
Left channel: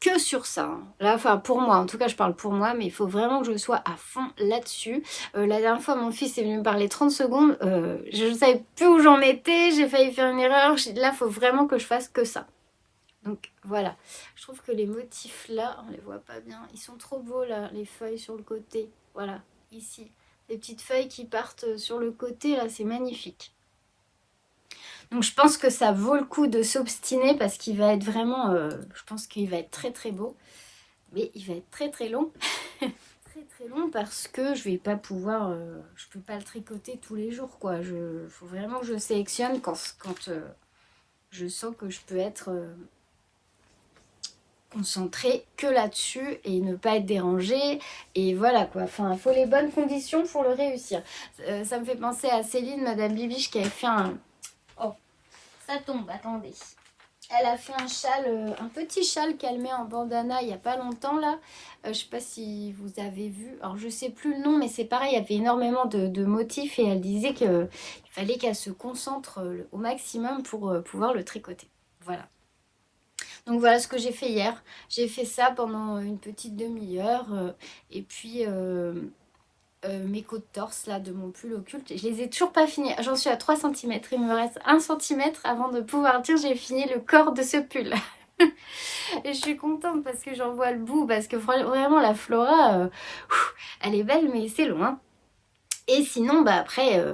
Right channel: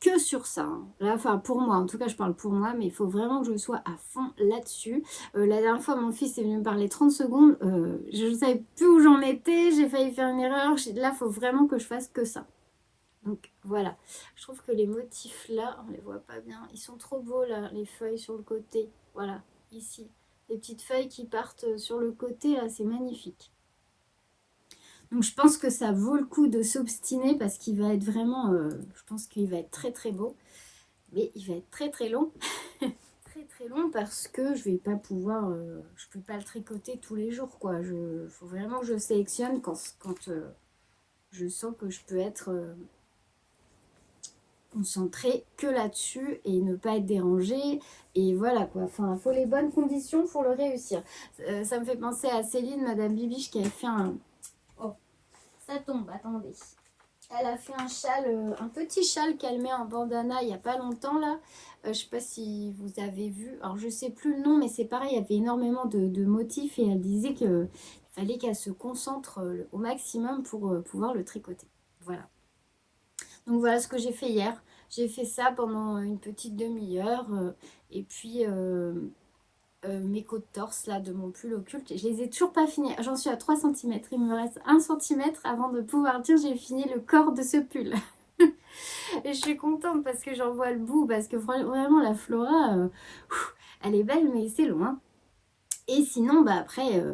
que sur ça, hein. Là, enfin, pour moi, en tout cas, je parle pour moi, mais il faut vraiment que je sois à fond là-dessus. La dernière fois, mon fils est venu me parler 30 secondes. Je ne savais plus où j'en étais. J'ai failli faire une erreur. Là, il faut vraiment que je fasse que ça. Donc, voilà. Je trouve que les motifs là, on les voit pas bien. Ils sont trop beaux, là, les feuilles sur le côté. Voilà, ici. Les petites feuilles qui partent sur le côté, là, c'est magnifique. Donc je pense que ça vaut le coup de s'obstiner parce qu'il va être vraiment, je pense qu'il va être très très beau, mais il va être très très long. Très très long parce que je vais pas pouvoir, je peux pas le tricoter tous les jours quoi. Faut vraiment que je sélectionne quand je sens que je peux être concentrée que là-dessus et ne pas être dérangée et voilà quoi. Enfin, il faut les bonnes conditions pour le réussir. Ça me fait penser à Céline, Madame Bibiche, qui avait fait un... Oh, ça tombe, attendez. Elle a fait un châle, un petit châle qu'elle met en bandana il n'y a pas longtemps là. Je ne sais pas si vous avez vu. Alors je ne sais plus le nom, mais c'est pareil, il y avait énormément de motifs et elle disait qu'il fallait qu'elle se concentre au maximum pour pouvoir le tricoter. Voilà. Donc voilà ce que j'ai fait hier. J'ai fait ça pendant une petite demi-heure. Et puis mes côtes torse là de mon pull occulte, je les ai toujours pas finis. J'en suis à 3 cm. Il me reste 1 cm avant de pouvoir dire j'ai fini le corps de ce pull. Et je suis contente parce que j'en vois le bout. Parce que vraiment la Flora, elle est belle mais c'est loin. Et sinon, bah après,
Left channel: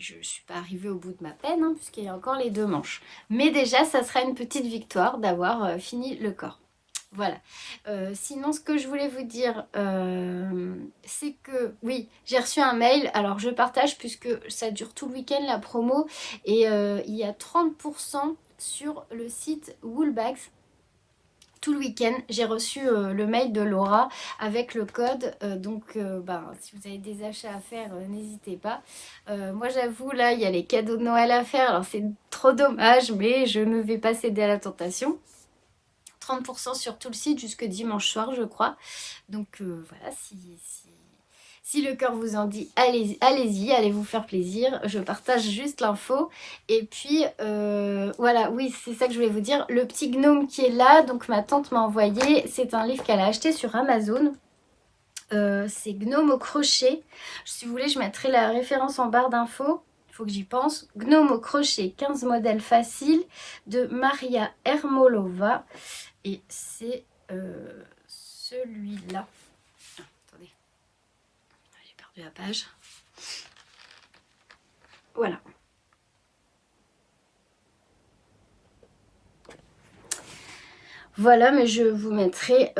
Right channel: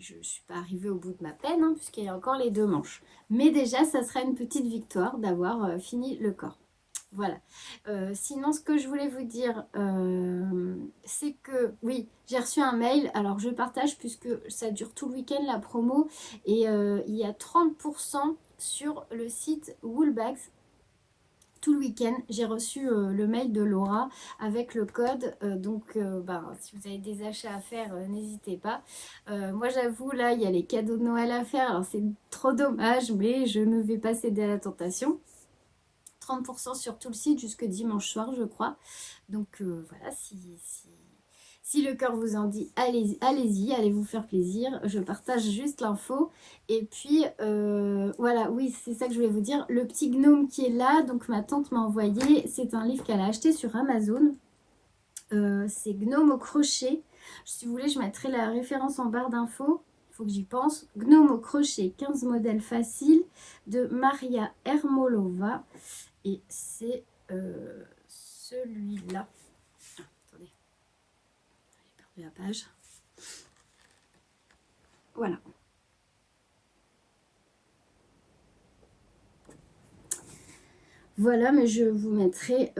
je ne suis pas arrivée au bout de ma peine, hein, puisqu'il y a encore les 2 manches. Mais déjà, ça sera une petite victoire d'avoir fini le corps. Voilà. Sinon, ce que je voulais vous dire, c'est que, oui, j'ai reçu un mail. Alors, je partage puisque ça dure tout le week-end, la promo. Et il y a 30% sur le site Woolbags. Tout le week-end, j'ai reçu le mail de Laura avec le code. Si vous avez des achats à faire, n'hésitez pas. Moi, j'avoue, là, il y a les cadeaux de Noël à faire. Alors, c'est trop dommage, mais je ne vais pas céder à la tentation. 30% sur tout le site jusque dimanche soir, je crois. Donc, voilà, si le cœur vous en dit, allez-y, allez vous faire plaisir. Je partage juste l'info. Et puis, voilà, oui, c'est ça que je voulais vous dire. Le petit gnome qui est là, donc ma tante m'a envoyé. C'est un livre qu'elle a acheté sur Amazon. C'est Gnome au crochet. Si vous voulez, je mettrai la référence en barre d'infos. Il faut que j'y pense. Gnome au crochet, 15 modèles faciles de Maria Hermolova. Et c'est celui-là. Attendez. J'ai perdu la page. Voilà. Voilà, mais je vous mettrai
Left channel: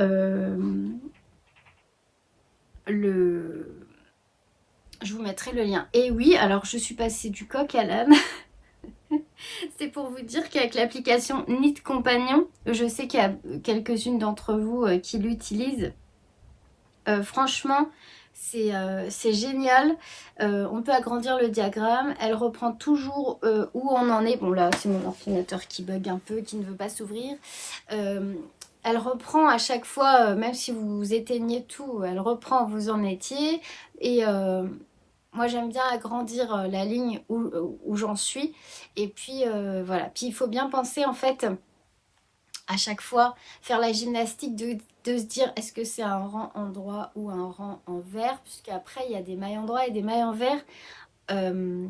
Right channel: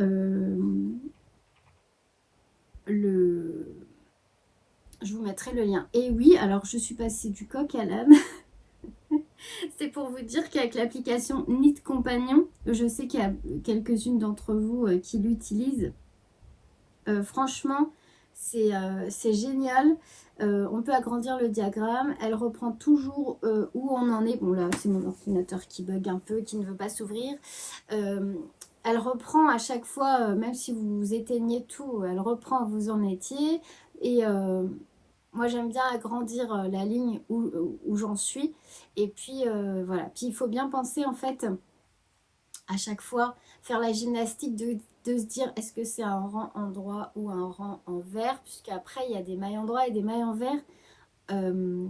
je vous mettrai le lien. Et oui, alors je suis passée du coq à l'âne. C'est pour vous dire qu'avec l'application Knit Compagnon, je sais qu'il y a quelques-unes d'entre vous qui l'utilisent. Franchement, C'est génial. On peut agrandir le diagramme. Elle reprend toujours où on en est. Bon là, c'est mon ordinateur qui bug un peu, qui ne veut pas s'ouvrir. Elle reprend à chaque fois, même si vous éteignez tout, elle reprend où vous en étiez. Et moi, j'aime bien agrandir la ligne où j'en suis. Et puis, voilà. Puis, il faut bien penser, en fait, à chaque fois, faire la gymnastique de se dire, est-ce que c'est un rang en droit ou un rang en vert? Puisqu'après, il y a des mailles en droit et des mailles en vert. Euh,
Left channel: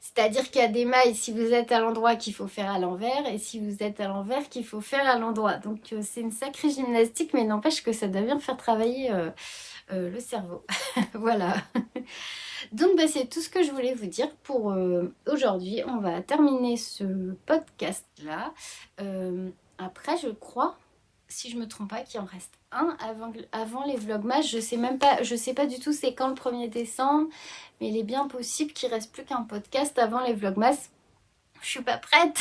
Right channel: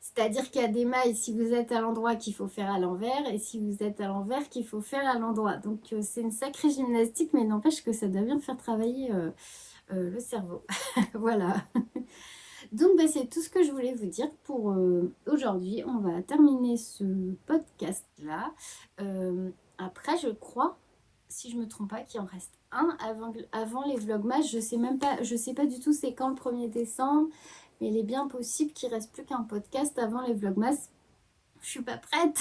C'est-à-dire qu'il y a des mailles, si vous êtes à l'endroit, qu'il faut faire à l'envers, et si vous êtes à l'envers, qu'il faut faire à l'endroit. Donc, c'est une sacrée gymnastique, mais n'empêche que ça doit bien faire travailler le cerveau. Voilà. Donc, bah, c'est tout ce que je voulais vous dire pour aujourd'hui. On va terminer ce podcast-là. Après, je crois, si je me trompe pas, qu'il en reste un avant les vlogmas. Je sais pas du tout c'est quand le 1er décembre, mais il est bien possible qu'il reste plus qu'un podcast avant les vlogmas. Je suis pas prête.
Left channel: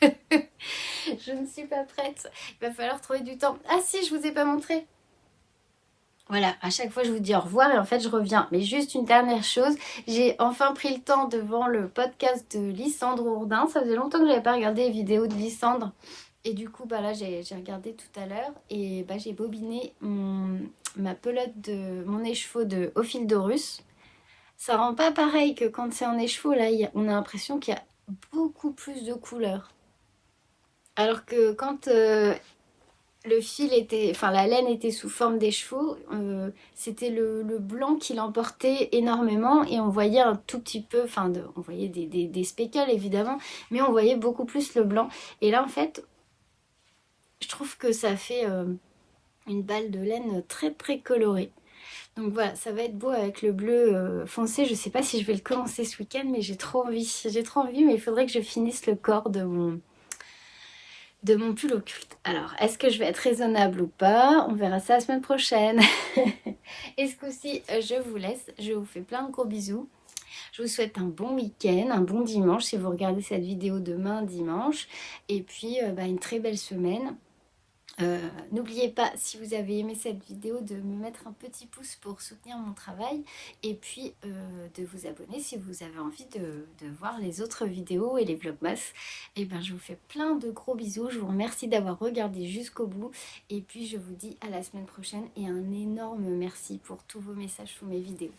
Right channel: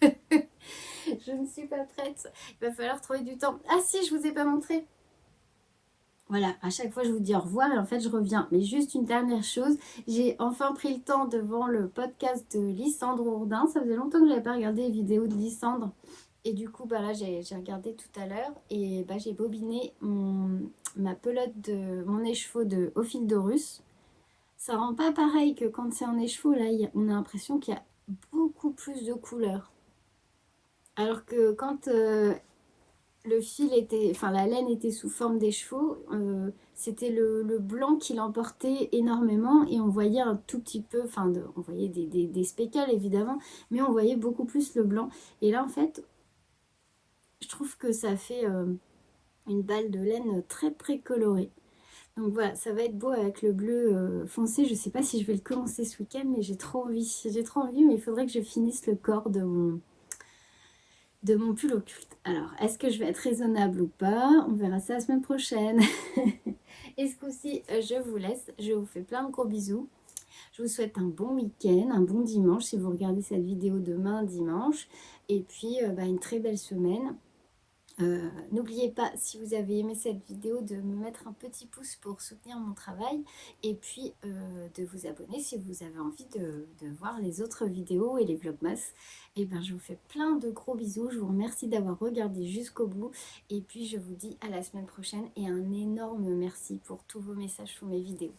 Je ne suis pas prête. Il va falloir trouver du temps. Ah si, je vous ai pas montré. Voilà, à chaque fois je vous dis au revoir et en fait je reviens. Mais juste une dernière chose, j'ai enfin pris le temps devant le podcast de Lysandre Ourdin. Ça faisait longtemps que je n'avais pas regardé les vidéos de Lysandre. Et du coup, bah là j'ai regardé tout à l'heure et bah, j'ai bobiné ma pelote de mon écheveau de Ophildorus. Ça rend pas pareil que quand c'est en écheveau, là on a l'impression qu'il y a beaucoup plus de couleurs. Alors que quand le fil était, enfin la laine était sous forme d'écheveau, c'était le blanc qui l'emportait énormément et on voyait un tout petit peu, enfin on voyait des speckles évidemment, mais on voyait beaucoup plus le blanc. Et là en fait, je trouve que ça fait une balle de laine très très colorée. Donc voilà, ça va être beau avec le bleu foncé. Je sais pas si je vais le commencer ce week-end, mais j'ai trop envie. J'ai trop envie, mais il faudrait que je finisse le corps de mon pull occulte. Alors, est-ce que je vais être raisonnable ou pas? On verra ça la semaine prochaine. Et ce coup-ci, je vous laisse. Je vous fais plein de gros bisous. Je vous souhaite un bon week-end, un bon dimanche si vous regardez cette vidéo demain, dimanche. Et puis, bah, une très belle semaine. N'oubliez pas, si vous avez aimé cette vidéo, de me mettre un petit pouce pour soutenir mon travail et puis de vous abonner si vous avez envie de voir les autres vidéos et les vlogmas. Et ben, je vous fais plein de gros bisous. Je vous remercie d'avoir regardé jusqu'au bout et puis je vous dis à la semaine prochaine et un énorme merci pour tous vos messages sous mes vidéos.